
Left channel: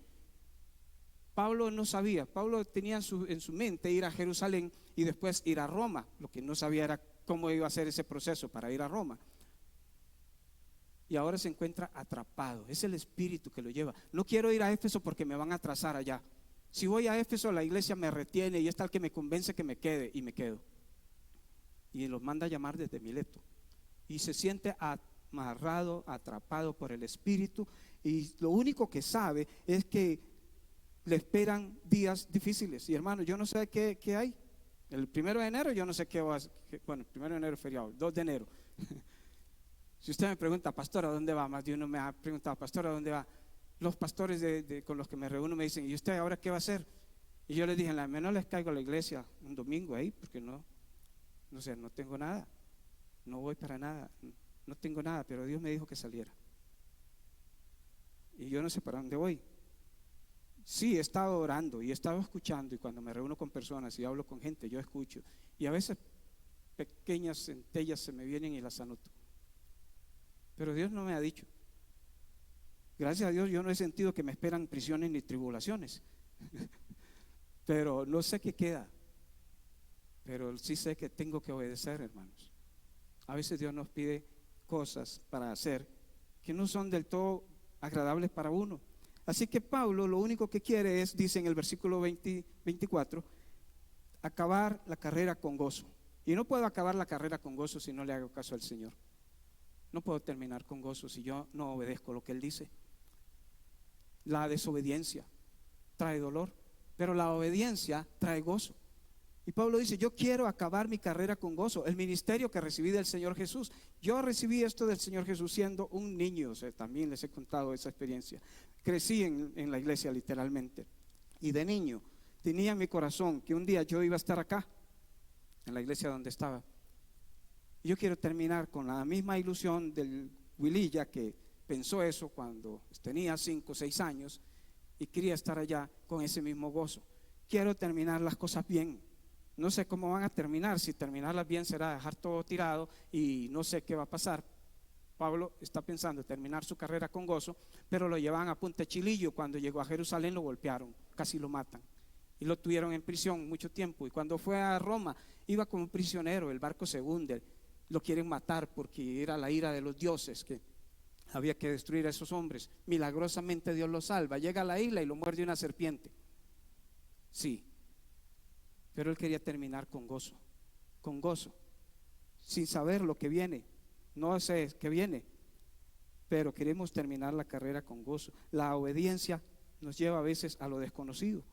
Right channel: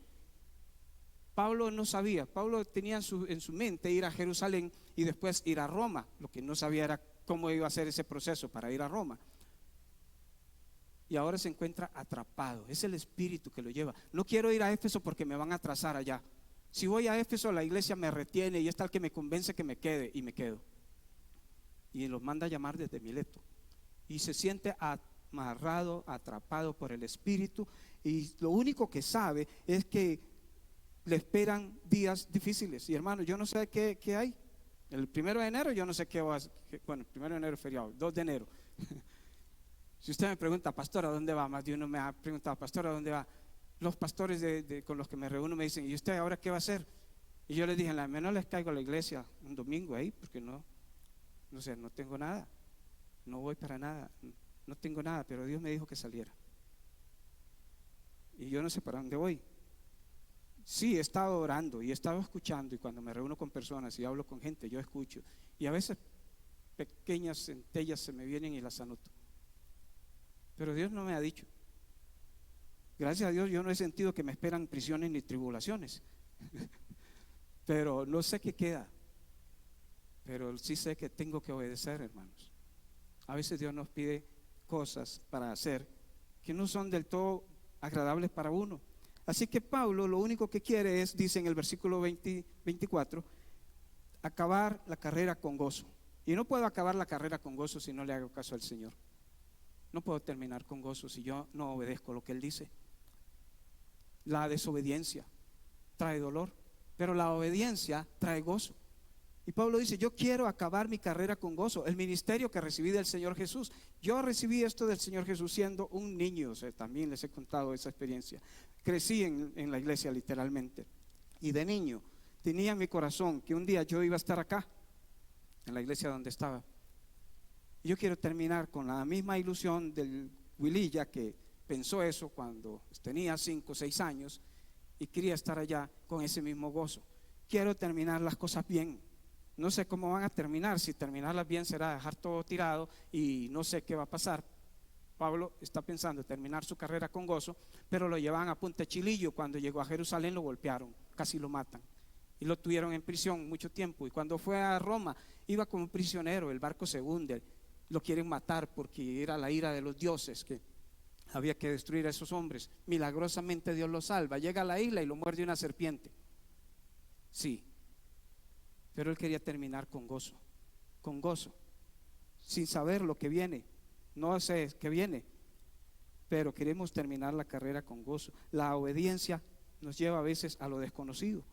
Pablo no sabía, Pablo tenía en su mente ir a Jerusalén y después ir a Roma. Lo que no sabía era cómo iba a ser ese proceso para ir a Roma. Y ahora se encuentra atrapado, es el espíritu que lo lleva. No quiero ir a Éfeso porque me van a atrasar allá. Si voy a Éfeso, la iglesia me retiene y es tal que me convence que me quede, y me quedo. Y los manda a llamar desde Mileto. Y se siente amarrado, atrapado por el espíritu, y lo único que sabe es que le esperan días difíciles. Y hermano, yo no sé qué hay. El 1 de enero yo no sé qué va a ser. Bueno, el 1 de enero es feriado, 2 de enero. Si usted me pregunta, pastor, ¿a dónde va? Más de uno me ha preguntado, pastor, ¿a dónde va? Los pastores con los que me reúno me dicen, ¿y usted ahora qué va a hacer? Y yo les dije, la menos les caigo a la iglesia un domingo ahí, porque no sé, no tengo nada, no voy para nada, no tengo nada, pero Dios me dijo que saliera. Y yo no sé para dónde voy. Sí, he estado orando y he estado escuchando, y cuando me reúno con personas y hablo con gente, yo escucho, y a veces pequeñas centellas se me vienen y las anoto. Pero Dios no me ha dicho. Gracias a Dios yo no he sentido que me esperan prisiones ni tribulaciones. Pero no sé qué queda. Pero sí sé que tengo que obedecer, hermanos. A veces Dios nos pide cosas para hacer que no son del todo agradables para uno. Así que Pablo lo único que quiere es, dice en el versículo 24, acabar la carrera con gozo. Y no puedo acabar la carrera con gozo si no le hago caso al Señor. No puedo terminar con gozo si yo no obedezco lo que Él dice. La desobediencia trae dolor, pero la obediencia trae gozo. Y Pablo dice, yo quiero acabar mi carrera con gozo. El ministerio que recibí del Señor Jesús. Yo recibí esto del Señor Jesús siendo un niño. O sea, también les he contado esa experiencia. Crecí en la iglesia literalmente. Y de niño tenía en mi corazón que un día yo iba a estar acá, en la iglesia donde estaba. Yo quiero terminar con la misma ilusión del Wililla, que pensó eso cuando tenía 5 o 6 años y quería estar allá con ese mismo gozo. Quiero terminar las cosas bien. No sé cómo van a terminar. Si terminarlas bien será dejar todo tirado y no sé qué va a pasar. Pablo está pensando en terminar su carrera con gozo, pero lo llevan a Punta Chilillo. Cuando llegó a Jerusalén lo golpearon, casi lo matan. y lo tuvieron en prisión mucho tiempo. Y cuando fue a Roma, iba como prisionero, el barco se hunde, lo quieren matar porque era la ira de los dioses que había que destruir a esos hombres. Milagrosamente Dios lo salva, llega a la isla y lo muerde una serpiente. Sí, pero él quería terminar con gozo, sin saber lo que viene. No sé qué viene, pero queremos terminar la carrera con gozo. La obediencia nos lleva a veces a lo desconocido.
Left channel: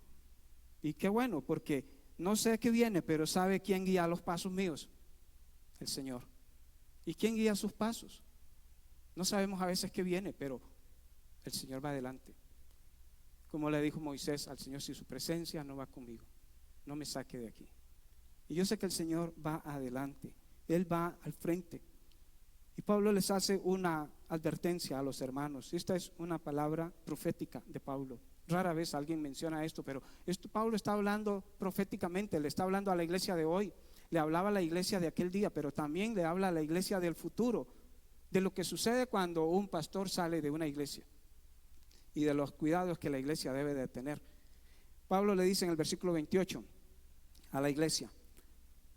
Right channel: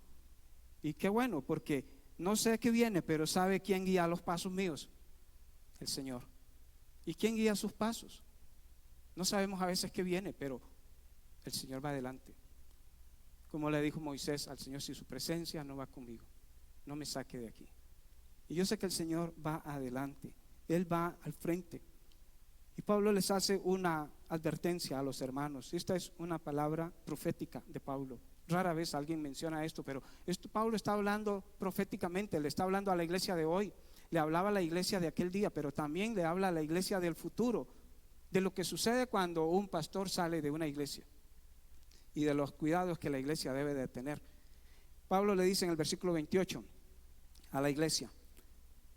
Y qué bueno, porque no sé qué viene, pero ¿sabe quién guía los pasos míos? El Señor. ¿Y quién guía sus pasos? No sabemos a veces qué viene, pero el Señor va adelante. Como le dijo Moisés al Señor, si su presencia no va conmigo, no me saque de aquí. Y yo sé que el Señor va adelante, Él va al frente. Y Pablo les hace una advertencia a los hermanos. Esta es una palabra profética de Pablo. Rara vez alguien menciona esto, pero Pablo está hablando proféticamente, le está hablando a la iglesia de hoy, le hablaba a la iglesia de aquel día, pero también le habla a la iglesia del futuro, de lo que sucede cuando un pastor sale de una iglesia y de los cuidados que la iglesia debe de tener. Pablo le dice en el versículo 28 a la iglesia:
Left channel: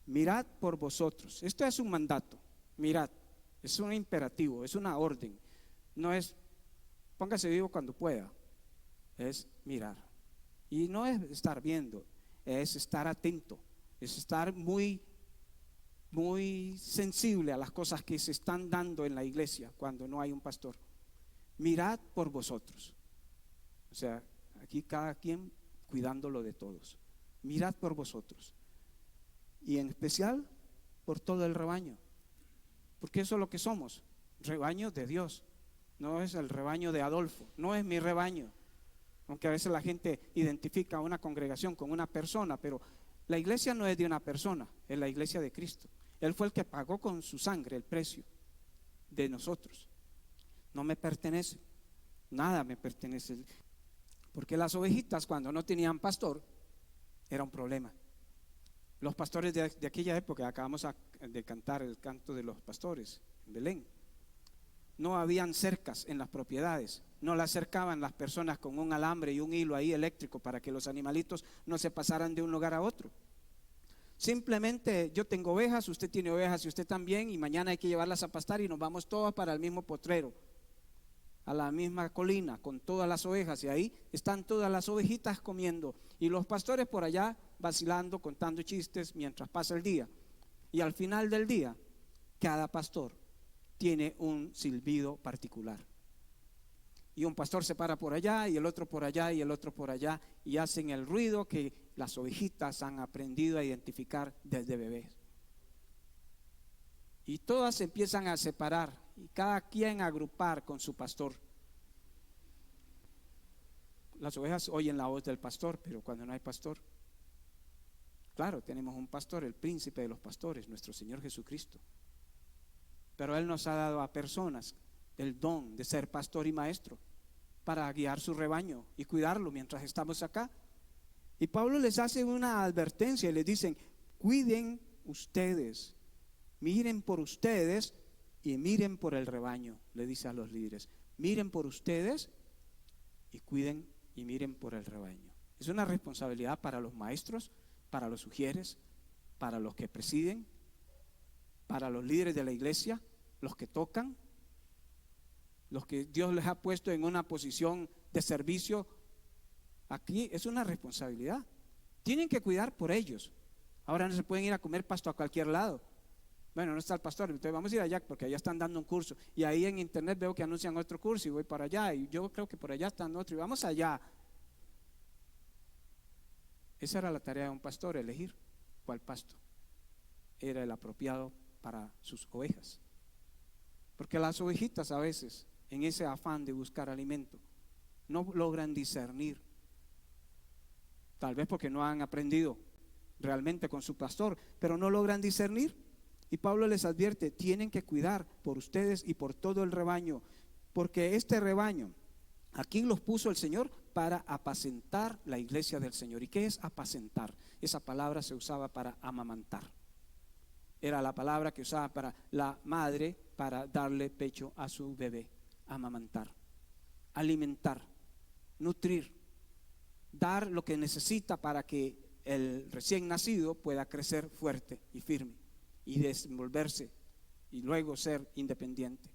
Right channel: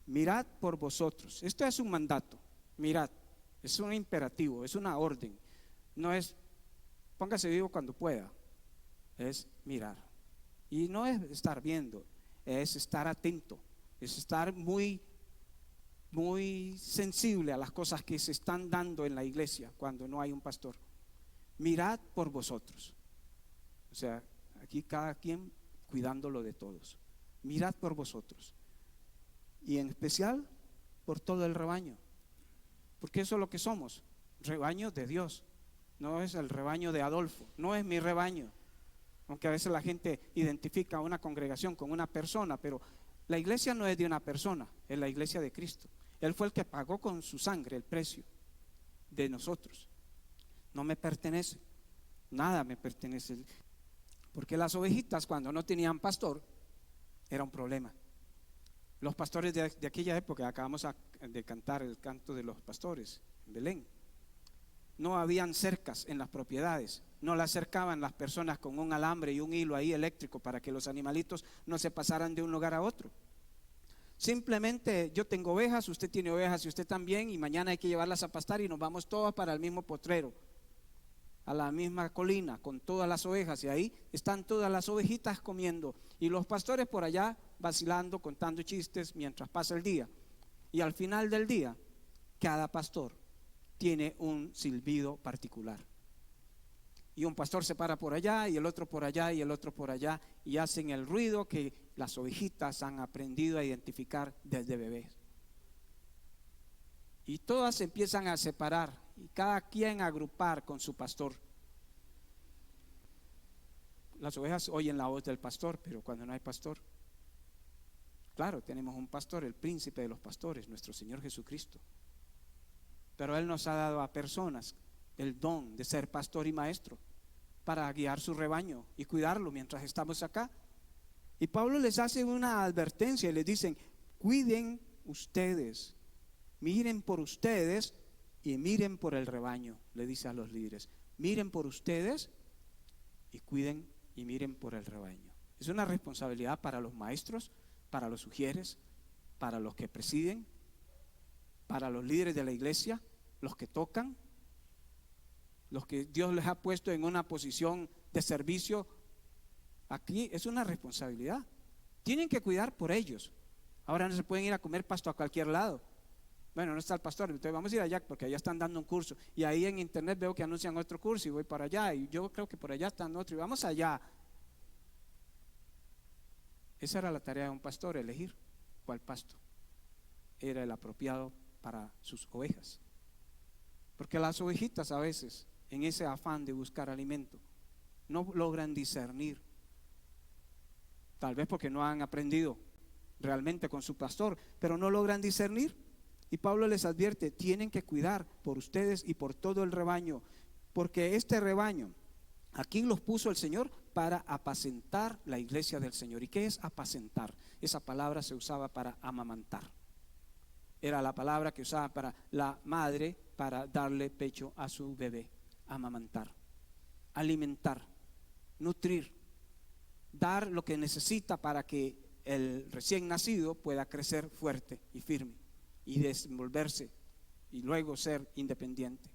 mirad por vosotros. Este es un mandato, mirad, es un imperativo, es una orden. No es póngase vivo cuando pueda, es mirar. Y no es estar viendo, es estar atento, es estar muy sensible a las cosas que se están dando en la iglesia cuando no hay un pastor. Mirad por vosotros. O sea, aquí cada quien cuidándolo de todos. Mirad por vosotros. Y en especial por todo el rebaño. Porque eso es lo que somos, rebaño de Dios. No es el rebaño de Adolfo, no es mi rebaño. Aunque a veces la gente identifica a una congregación con una persona, pero la iglesia no es de una persona, es la iglesia de Cristo. Él fue el que pagó con su sangre el precio de nosotros. No me pertenece, nada me pertenece. Porque las ovejitas, cuando no tenían pastor, era un problema. Los pastores de aquella época, acabamos de cantar el canto de los pastores en Belén, no habían cercas en las propiedades, no las cercaban las personas con un alambre y un hilo ahí eléctrico para que los animalitos no se pasaran de un lugar a otro. Simplemente yo tengo ovejas, usted tiene ovejas y usted también, y mañana hay que llevarlas a pastar y nos vamos todos para el mismo potrero, a la misma colina con todas las ovejas, y ahí están todas las ovejitas comiendo y los pastores por allá vacilando, contando chistes mientras pasa el día. Y al final del día, cada pastor tiene un silbido particular. Y un pastor se para por allá y el otro por allá y el otro por allá, y hacen el ruido que las ovejitas han aprendido a identificar desde bebés. Y todas se empiezan a separar y cada quien a agrupar con su pastor. Las ovejas oyen la voz del pastor, pero cuando no hay pastor, claro, tenemos un pastor, el príncipe de los pastores, nuestro Señor Jesucristo. Pero Él nos ha dado a personas el don de ser pastor y maestro para guiar su rebaño y cuidarlo mientras estamos acá. Y Pablo les hace una advertencia y les dicen: cuiden ustedes, miren por ustedes y miren por el rebaño. Le dice a los líderes: miren por ustedes y cuiden y miren por el rebaño. Es una responsabilidad para los maestros, para los sugieres, para los que presiden, para los líderes de la iglesia, los que tocan, los que Dios les ha puesto en una posición de servicio. Aquí es una responsabilidad. Tienen que cuidar por ellos. Ahora no se pueden ir a comer pasto a cualquier lado. Bueno, no está el pastor, entonces vamos a ir allá porque allá están dando un curso. Y ahí en internet veo que anuncian otro curso y voy para allá. Y yo creo que por allá están otro y vamos allá. Esa era la tarea de un pastor, elegir cuál pasto era el apropiado para sus ovejas. Porque las ovejitas a veces, en ese afán de buscar alimento, no logran discernir. Tal vez porque no han aprendido realmente con su pastor, pero no logran discernir. Y Pablo les advierte: tienen que cuidar por ustedes y por todo el rebaño, porque este rebaño, aquí los puso el Señor para apacentar la iglesia del Señor. ¿Y qué es apacentar? Esa palabra se usaba para amamantar. Era la palabra que usaba para la madre para darle pecho a su bebé. Amamantar, alimentar, nutrir, dar lo que necesita para que el recién nacido pueda crecer fuerte y firme y desenvolverse y luego ser independiente.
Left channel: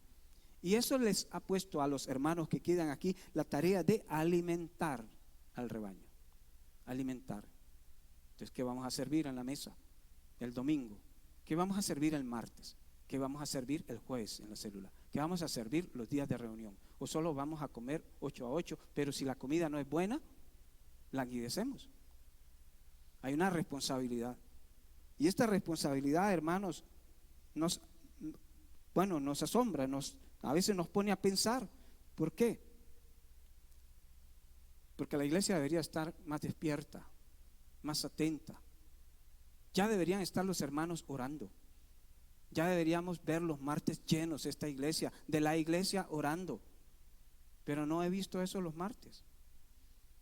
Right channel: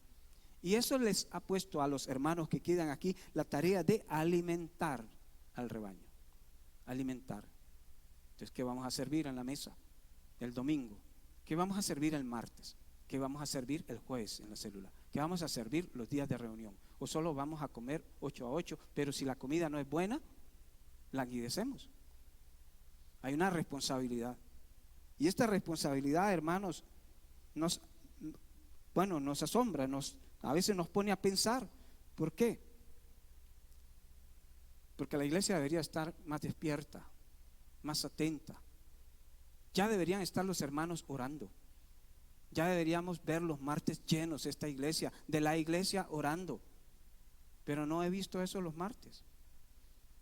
Y eso les ha puesto a los hermanos que quedan aquí la tarea de alimentar al rebaño. Alimentar. Entonces, ¿qué vamos a servir en la mesa el domingo? ¿Qué vamos a servir el martes? ¿Qué vamos a servir el jueves en la célula? ¿Qué vamos a servir los días de reunión? ¿O solo vamos a comer 8 a 8? Pero si la comida no es buena, languidecemos. Hay una responsabilidad. Y esta responsabilidad, hermanos, nos asombra, a veces nos pone a pensar. ¿Por qué? Porque la iglesia debería estar más despierta, más atenta. Ya deberían estar los hermanos orando. Ya deberíamos ver los martes llenos esta iglesia, de la iglesia orando. Pero no he visto eso los martes.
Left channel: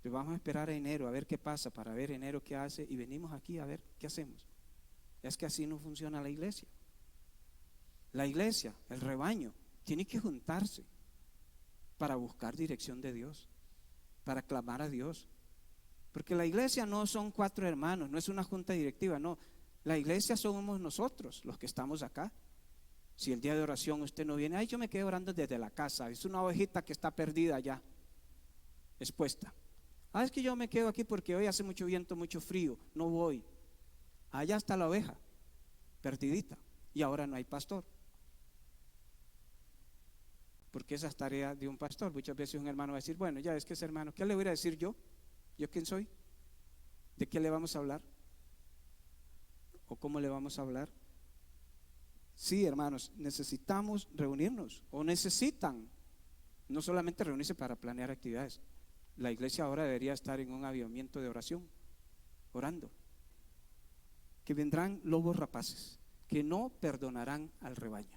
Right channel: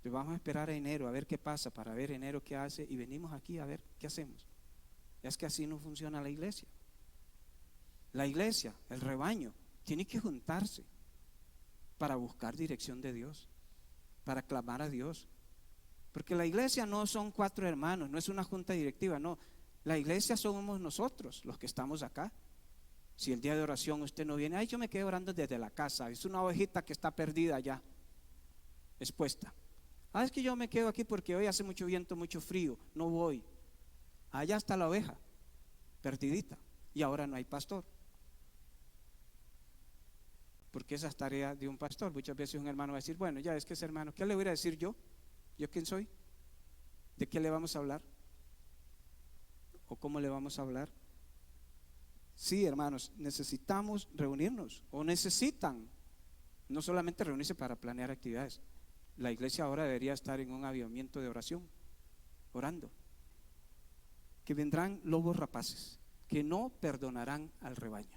Pues vamos a esperar a enero a ver qué pasa, para ver enero qué hace, y venimos aquí a ver qué hacemos. Es que así no funciona la iglesia. La iglesia, el rebaño, tiene que juntarse para buscar dirección de Dios, para clamar a Dios. Porque la iglesia no son 4 hermanos, no es una junta directiva, no. La iglesia somos nosotros, los que estamos acá. Si el día de oración usted no viene, yo me quedo orando desde la casa, es una ovejita que está perdida allá, expuesta. Es que yo me quedo aquí porque hoy hace mucho viento, mucho frío, no voy. Allá está la oveja, perdidita, y ahora no hay pastor. Porque esa es tarea de un pastor. Muchas veces un hermano va a decir, bueno, ya es que ese hermano, ¿qué le voy a decir yo? ¿Yo quién soy? ¿De qué le vamos a hablar? ¿O cómo le vamos a hablar? Sí, hermanos, necesitamos reunirnos, o necesitan no solamente reunirse para planear actividades. La iglesia ahora debería estar en un avivamiento de oración, orando. Que vendrán lobos rapaces, que no perdonarán al rebaño.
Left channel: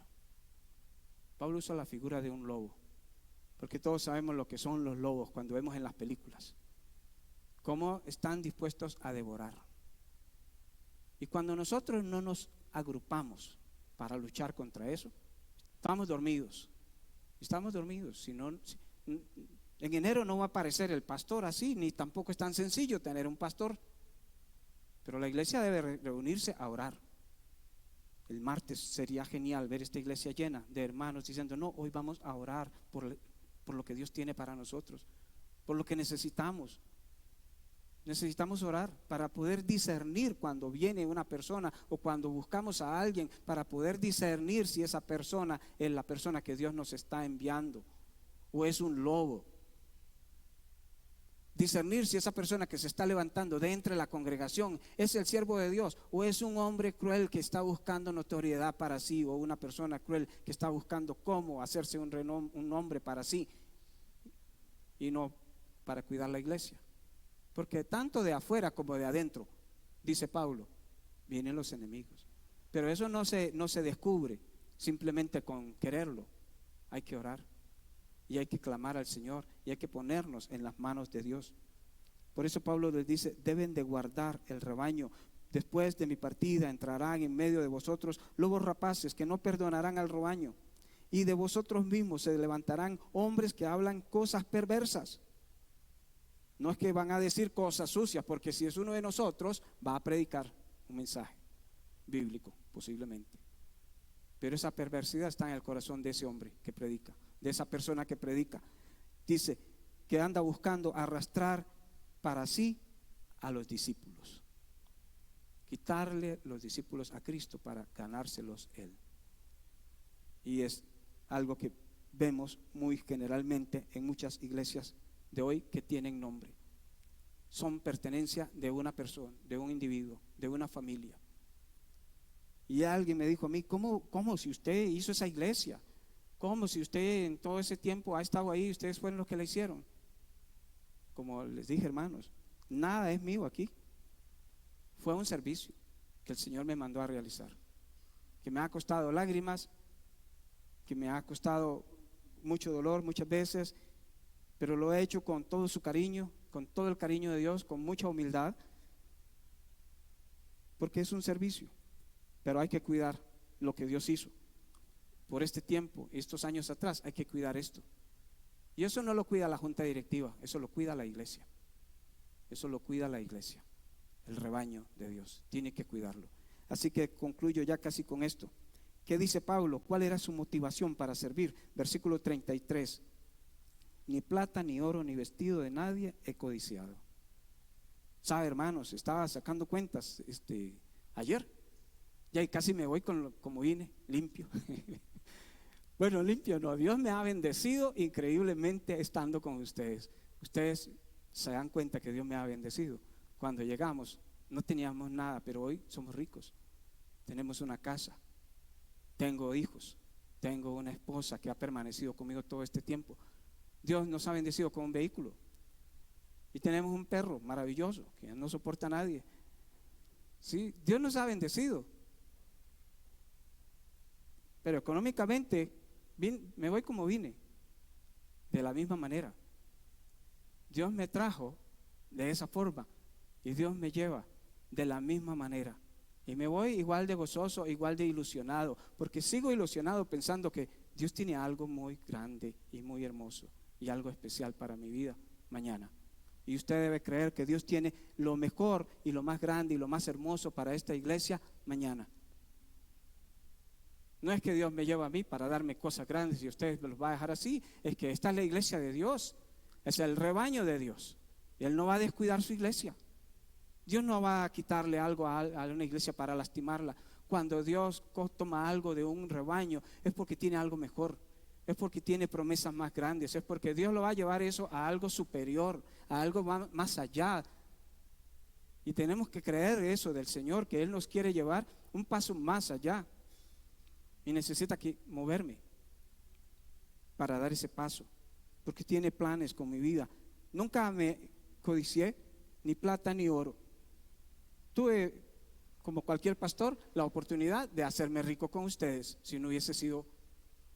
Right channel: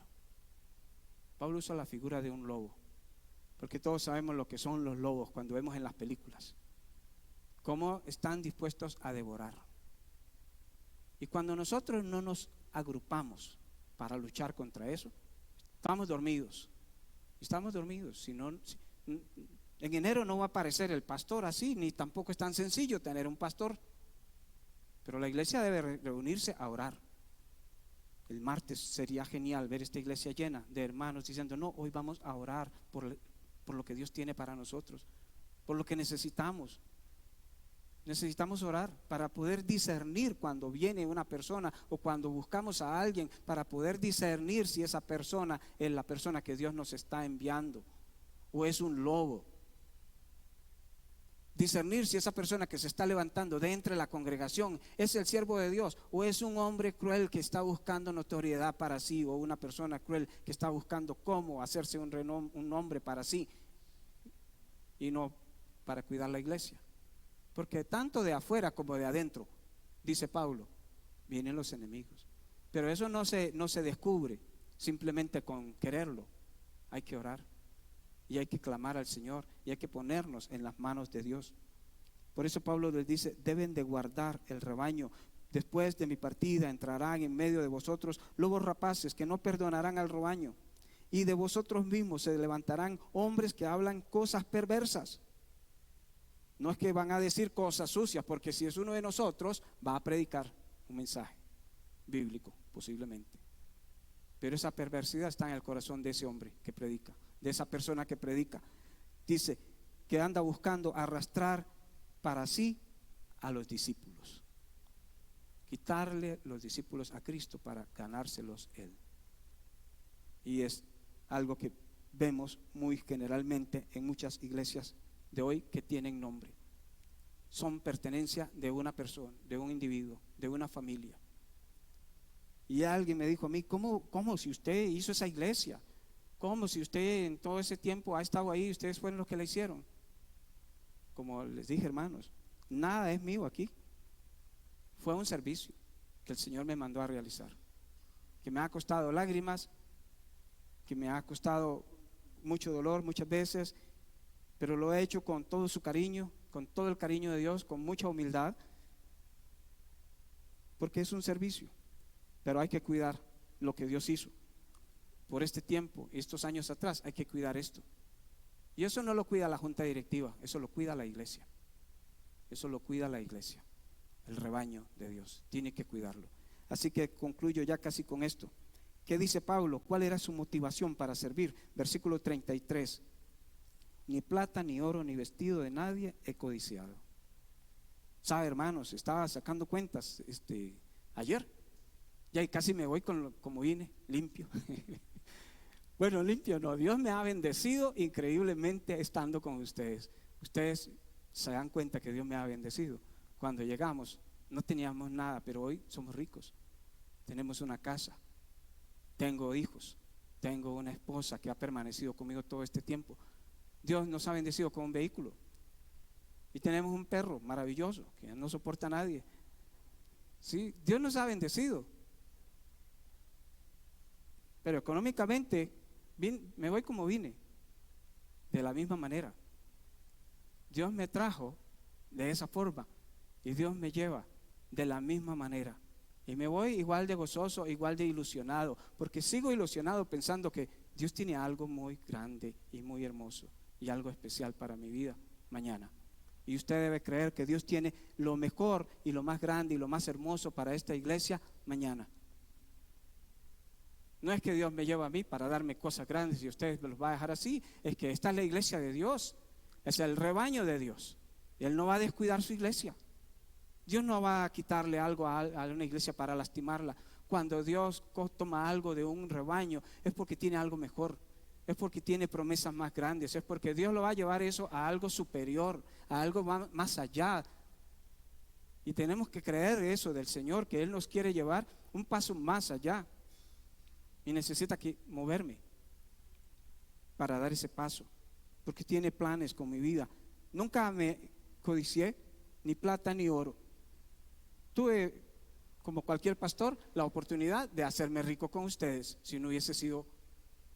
Pablo usa la figura de un lobo, porque todos sabemos lo que son los lobos cuando vemos en las películas, cómo están dispuestos a devorar. Y cuando nosotros no nos agrupamos para luchar contra eso, estamos dormidos. En enero no va a aparecer el pastor así, ni tampoco es tan sencillo tener un pastor. Pero la iglesia debe reunirse a orar. El martes sería genial ver esta iglesia llena de hermanos diciendo, no, hoy vamos a orar por lo que Dios tiene para nosotros, por lo que necesitamos. Necesitamos orar para poder discernir cuando viene una persona, o cuando buscamos a alguien, para poder discernir si esa persona es la persona que Dios nos está enviando o es un lobo. Discernir si esa persona que se está levantando de entre la congregación es el siervo de Dios o es un hombre cruel que está buscando notoriedad para sí, o una persona cruel que está buscando cómo hacerse un nombre para sí y no para cuidar la iglesia. Porque tanto de afuera como de adentro, dice Pablo, vienen los enemigos. Pero eso no se descubre simplemente con quererlo. Hay que orar y hay que clamar al Señor y hay que ponernos en las manos de Dios. Por eso Pablo les dice, deben de guardar el rebaño. Después de mi partida entrarán en medio de vosotros lobos rapaces que no perdonarán al rebaño, y de vosotros mismos se levantarán hombres que hablan cosas perversas. No es que van a decir cosas sucias, porque si es uno de nosotros, va a predicar un mensaje bíblico, posiblemente. Pero esa perversidad está en el corazón de ese hombre que predica, de esa persona que predica. Dice que anda buscando arrastrar para sí a los discípulos, quitarle los discípulos a Cristo para ganárselos él. Y es algo que vemos muy generalmente en muchas iglesias de hoy que tienen nombre. Son pertenencia de una persona, de un individuo, de una familia. Y alguien me dijo a mí, ¿cómo si usted hizo esa iglesia? ¿Cómo si usted en todo ese tiempo ha estado ahí, ustedes fueron los que la hicieron? Como les dije, hermanos, nada es mío aquí. Fue un servicio que el Señor me mandó a realizar, que me ha costado lágrimas, que me ha costado mucho dolor muchas veces, pero lo he hecho con todo su cariño, con todo el cariño de Dios, con mucha humildad, porque es un servicio. Pero hay que cuidar lo que Dios hizo por este tiempo, estos años atrás. Hay que cuidar esto, y eso no lo cuida la junta directiva, eso lo cuida la iglesia. eso lo cuida la iglesia, el rebaño de Dios, tiene que cuidarlo. Así que concluyo ya casi con esto. ¿Qué dice Pablo? ¿Cuál era su motivación para servir? Versículo 33. Ni plata, ni oro, ni vestido de nadie he codiciado. ¿Sabe, hermanos? Estaba sacando cuentas ayer. Ya casi me voy como vine, limpio. Bueno, limpio no. Dios me ha bendecido increíblemente estando con ustedes. Ustedes se dan cuenta que Dios me ha bendecido. Cuando llegamos no teníamos nada, pero hoy somos ricos. Tenemos una casa, tengo hijos, tengo una esposa que ha permanecido conmigo todo este tiempo. Dios nos ha bendecido con un vehículo. Y tenemos un perro maravilloso que no soporta a nadie. Sí, Dios nos ha bendecido. Pero económicamente me voy como vine, de la misma manera. Dios me trajo de esa forma y Dios me lleva de la misma manera. Y me voy igual de gozoso, igual de ilusionado, porque sigo ilusionado pensando que Dios tiene algo muy grande y muy hermoso y algo especial para mi vida mañana. Y usted debe creer que Dios tiene lo mejor y lo más grande y lo más hermoso para esta iglesia mañana. No es que Dios me lleva a mí para darme cosas grandes y ustedes me los va a dejar así. Es que esta es la iglesia de Dios, es el rebaño de Dios. Y Él no va a descuidar su iglesia. Dios no va a quitarle algo a una iglesia para lastimarla. Cuando Dios toma algo de un rebaño es porque tiene algo mejor, es porque tiene promesas más grandes, es porque Dios lo va a llevar eso a algo superior, a algo más allá. Y tenemos que creer eso del Señor, que Él nos quiere llevar un paso más allá. Y necesita que moverme para dar ese paso, porque tiene planes con mi vida. Nunca me codicié ni plata ni oro. Tuve, como cualquier pastor, la oportunidad de hacerme rico con ustedes, si no hubiese sido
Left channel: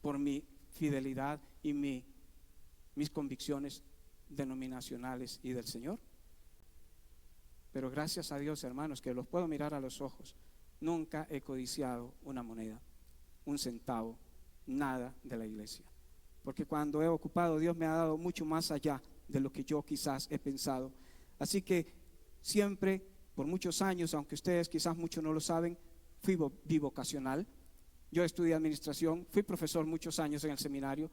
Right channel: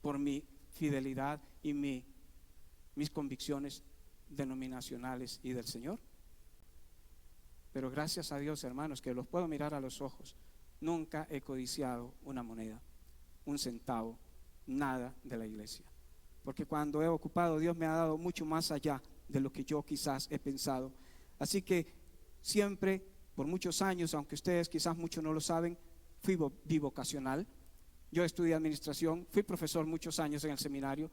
por mi fidelidad y mis convicciones denominacionales y del Señor. Pero gracias a Dios, hermanos, que los puedo mirar a los ojos. Nunca he codiciado una moneda, un centavo, nada de la iglesia. Porque cuando he ocupado, Dios me ha dado mucho más allá de lo que yo quizás he pensado. Así que siempre, por muchos años, aunque ustedes quizás muchos no lo saben, fui bivocacional. Yo estudié administración, fui profesor muchos años en el seminario,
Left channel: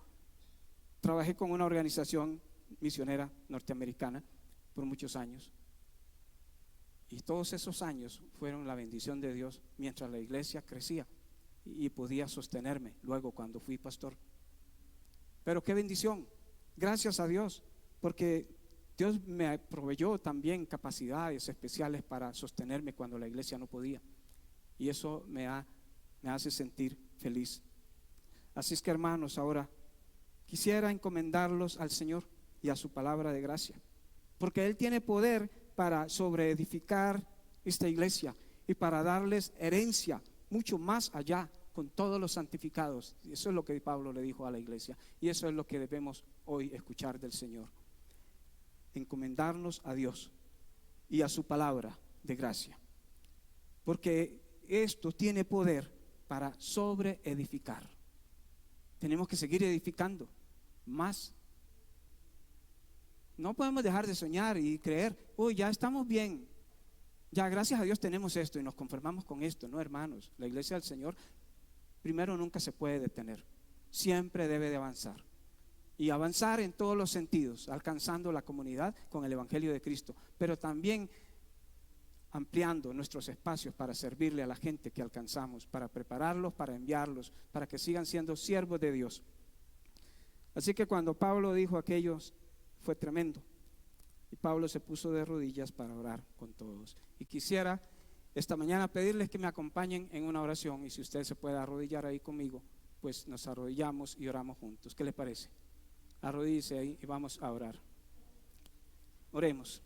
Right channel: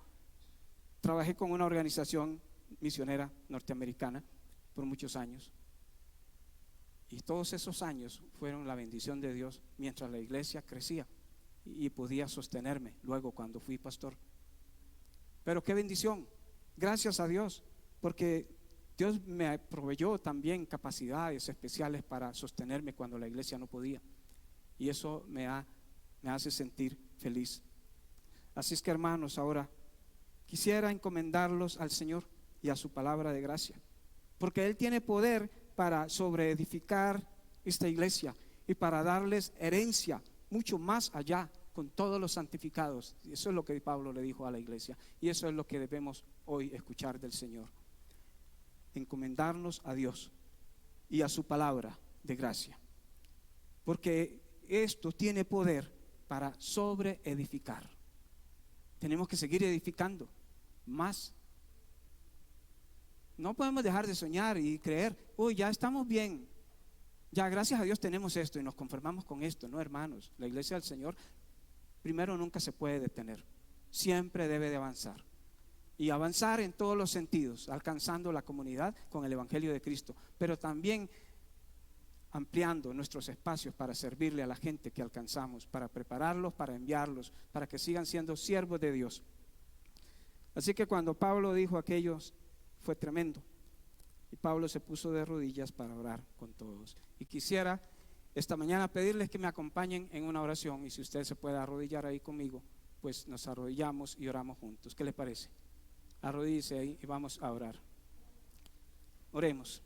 trabajé con una organización misionera norteamericana por muchos años. Y todos esos años fueron la bendición de Dios mientras la iglesia crecía y podía sostenerme luego cuando fui pastor. Pero qué bendición, gracias a Dios, porque Dios me proveyó también capacidades especiales para sostenerme cuando la iglesia no podía. Y eso me hace sentir feliz. Así es que, hermanos, ahora quisiera encomendarlos al Señor y a su palabra de gracia, porque Él tiene poder para sobreedificar esta iglesia y para darles herencia mucho más allá con todos los santificados. Y eso es lo que Pablo le dijo a la iglesia, y eso es lo que debemos hoy escuchar del Señor. Encomendarnos a Dios y a su palabra de gracia, porque esto tiene poder para sobreedificar. Tenemos que seguir edificando más. No podemos dejar de soñar y creer, ya estamos bien, ya gracias a Dios tenemos esto y nos conformamos con esto. No, hermanos, la iglesia del Señor primero nunca se puede detener, siempre debe de avanzar. Y avanzar en todos los sentidos, alcanzando la comunidad con el Evangelio de Cristo, pero también ampliando nuestros espacios para servirle a la gente que alcanzamos, para prepararlos, para enviarlos, para que sigan siendo siervos de Dios. Así que cuando Pablo dijo aquellos, fue tremendo. Y Pablo se puso de rodillas para orar con todos. Y quisiera esta mañana pedirles que me acompañen en una oración, y si usted se puede arrodillar ahí conmigo, pues nos arrodillamos y oramos juntos. ¿Qué les parece? Arrodíllese ahí y vamos a orar. Oremos.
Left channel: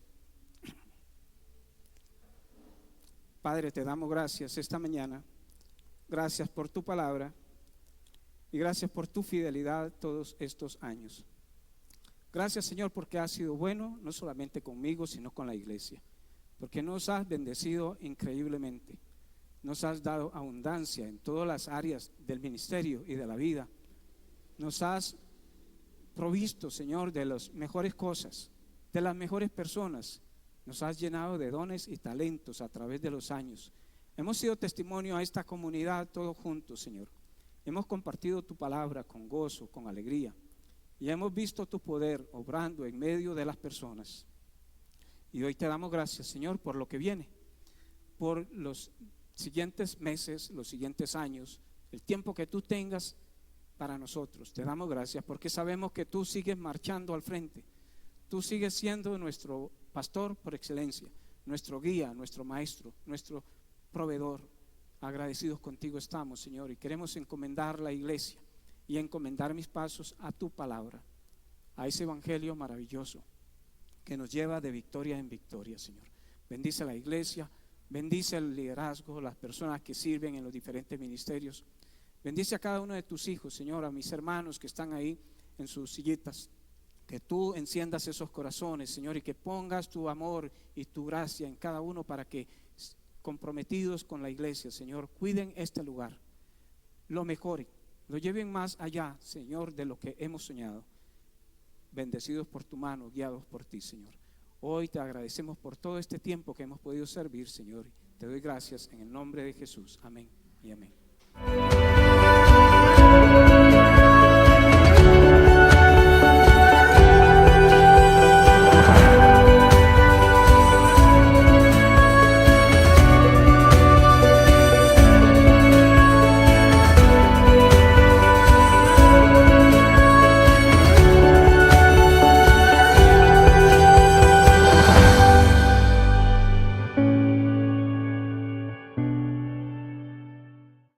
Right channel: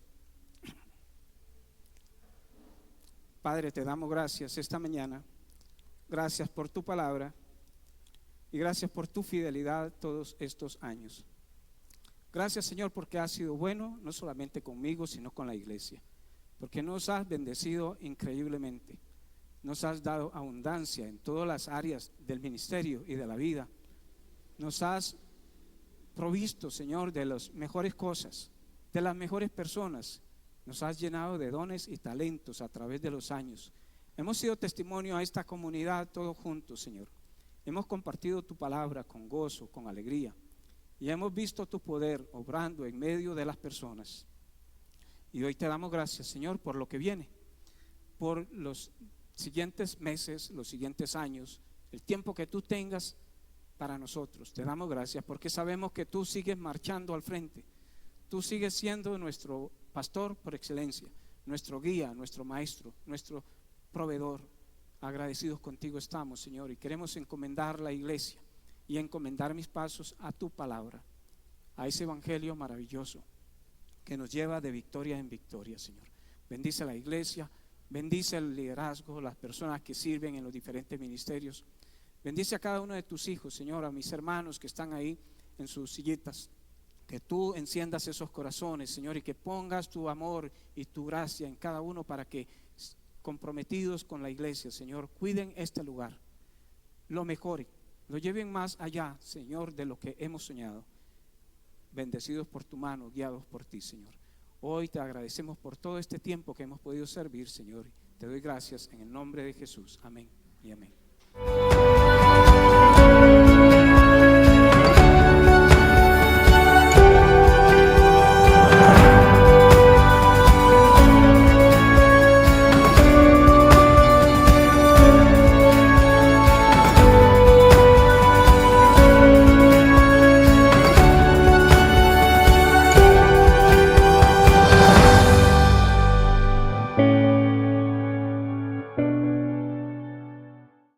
Padre, te damos gracias esta mañana. Gracias por tu palabra y gracias por tu fidelidad todos estos años. Gracias, Señor, porque has sido bueno, no solamente conmigo, sino con la iglesia. Porque nos has bendecido increíblemente. Nos has dado abundancia en todas las áreas del ministerio y de la vida. Nos has provisto, Señor, de las mejores cosas, de las mejores personas, Nos has llenado de dones y talentos a través de los años. Hemos sido testimonio a esta comunidad todos juntos, Señor. Hemos compartido tu palabra con gozo, con alegría. Y hemos visto tu poder obrando en medio de las personas. Y hoy te damos gracias, Señor, por lo que viene, por los siguientes meses, los siguientes años, el tiempo que tú tengas para nosotros. Te damos gracias porque sabemos que tú sigues marchando al frente. Tú sigues siendo nuestro pastor por excelencia, nuestro guía, nuestro maestro, nuestro proveedor. Agradecidos contigo estamos, Señor, y queremos encomendar la iglesia y encomendar mis pasos a tu palabra, a ese evangelio maravilloso que nos lleva de victoria en victoria, Señor. Bendice a la iglesia, bendice el liderazgo, las personas que sirven en los diferentes ministerios. Bendice a cada uno de tus hijos, Señor, a mis hermanos que están ahí en sus sillitas. Que tú enciendas esos corazones, Señor, y que pongas tu amor y tu gracia en cada uno para que, comprometidos con la iglesia, Señor, cuiden este lugar, lo mejoren, lo lleven más allá, Señor, de lo que hemos soñado. Bendecidos por tu mano, guiados por ti, Señor. Hoy te agradecemos por todo este tiempo que hemos podido servir, Señor. Te doy gracias en el nombre de Jesús. Amén y amén.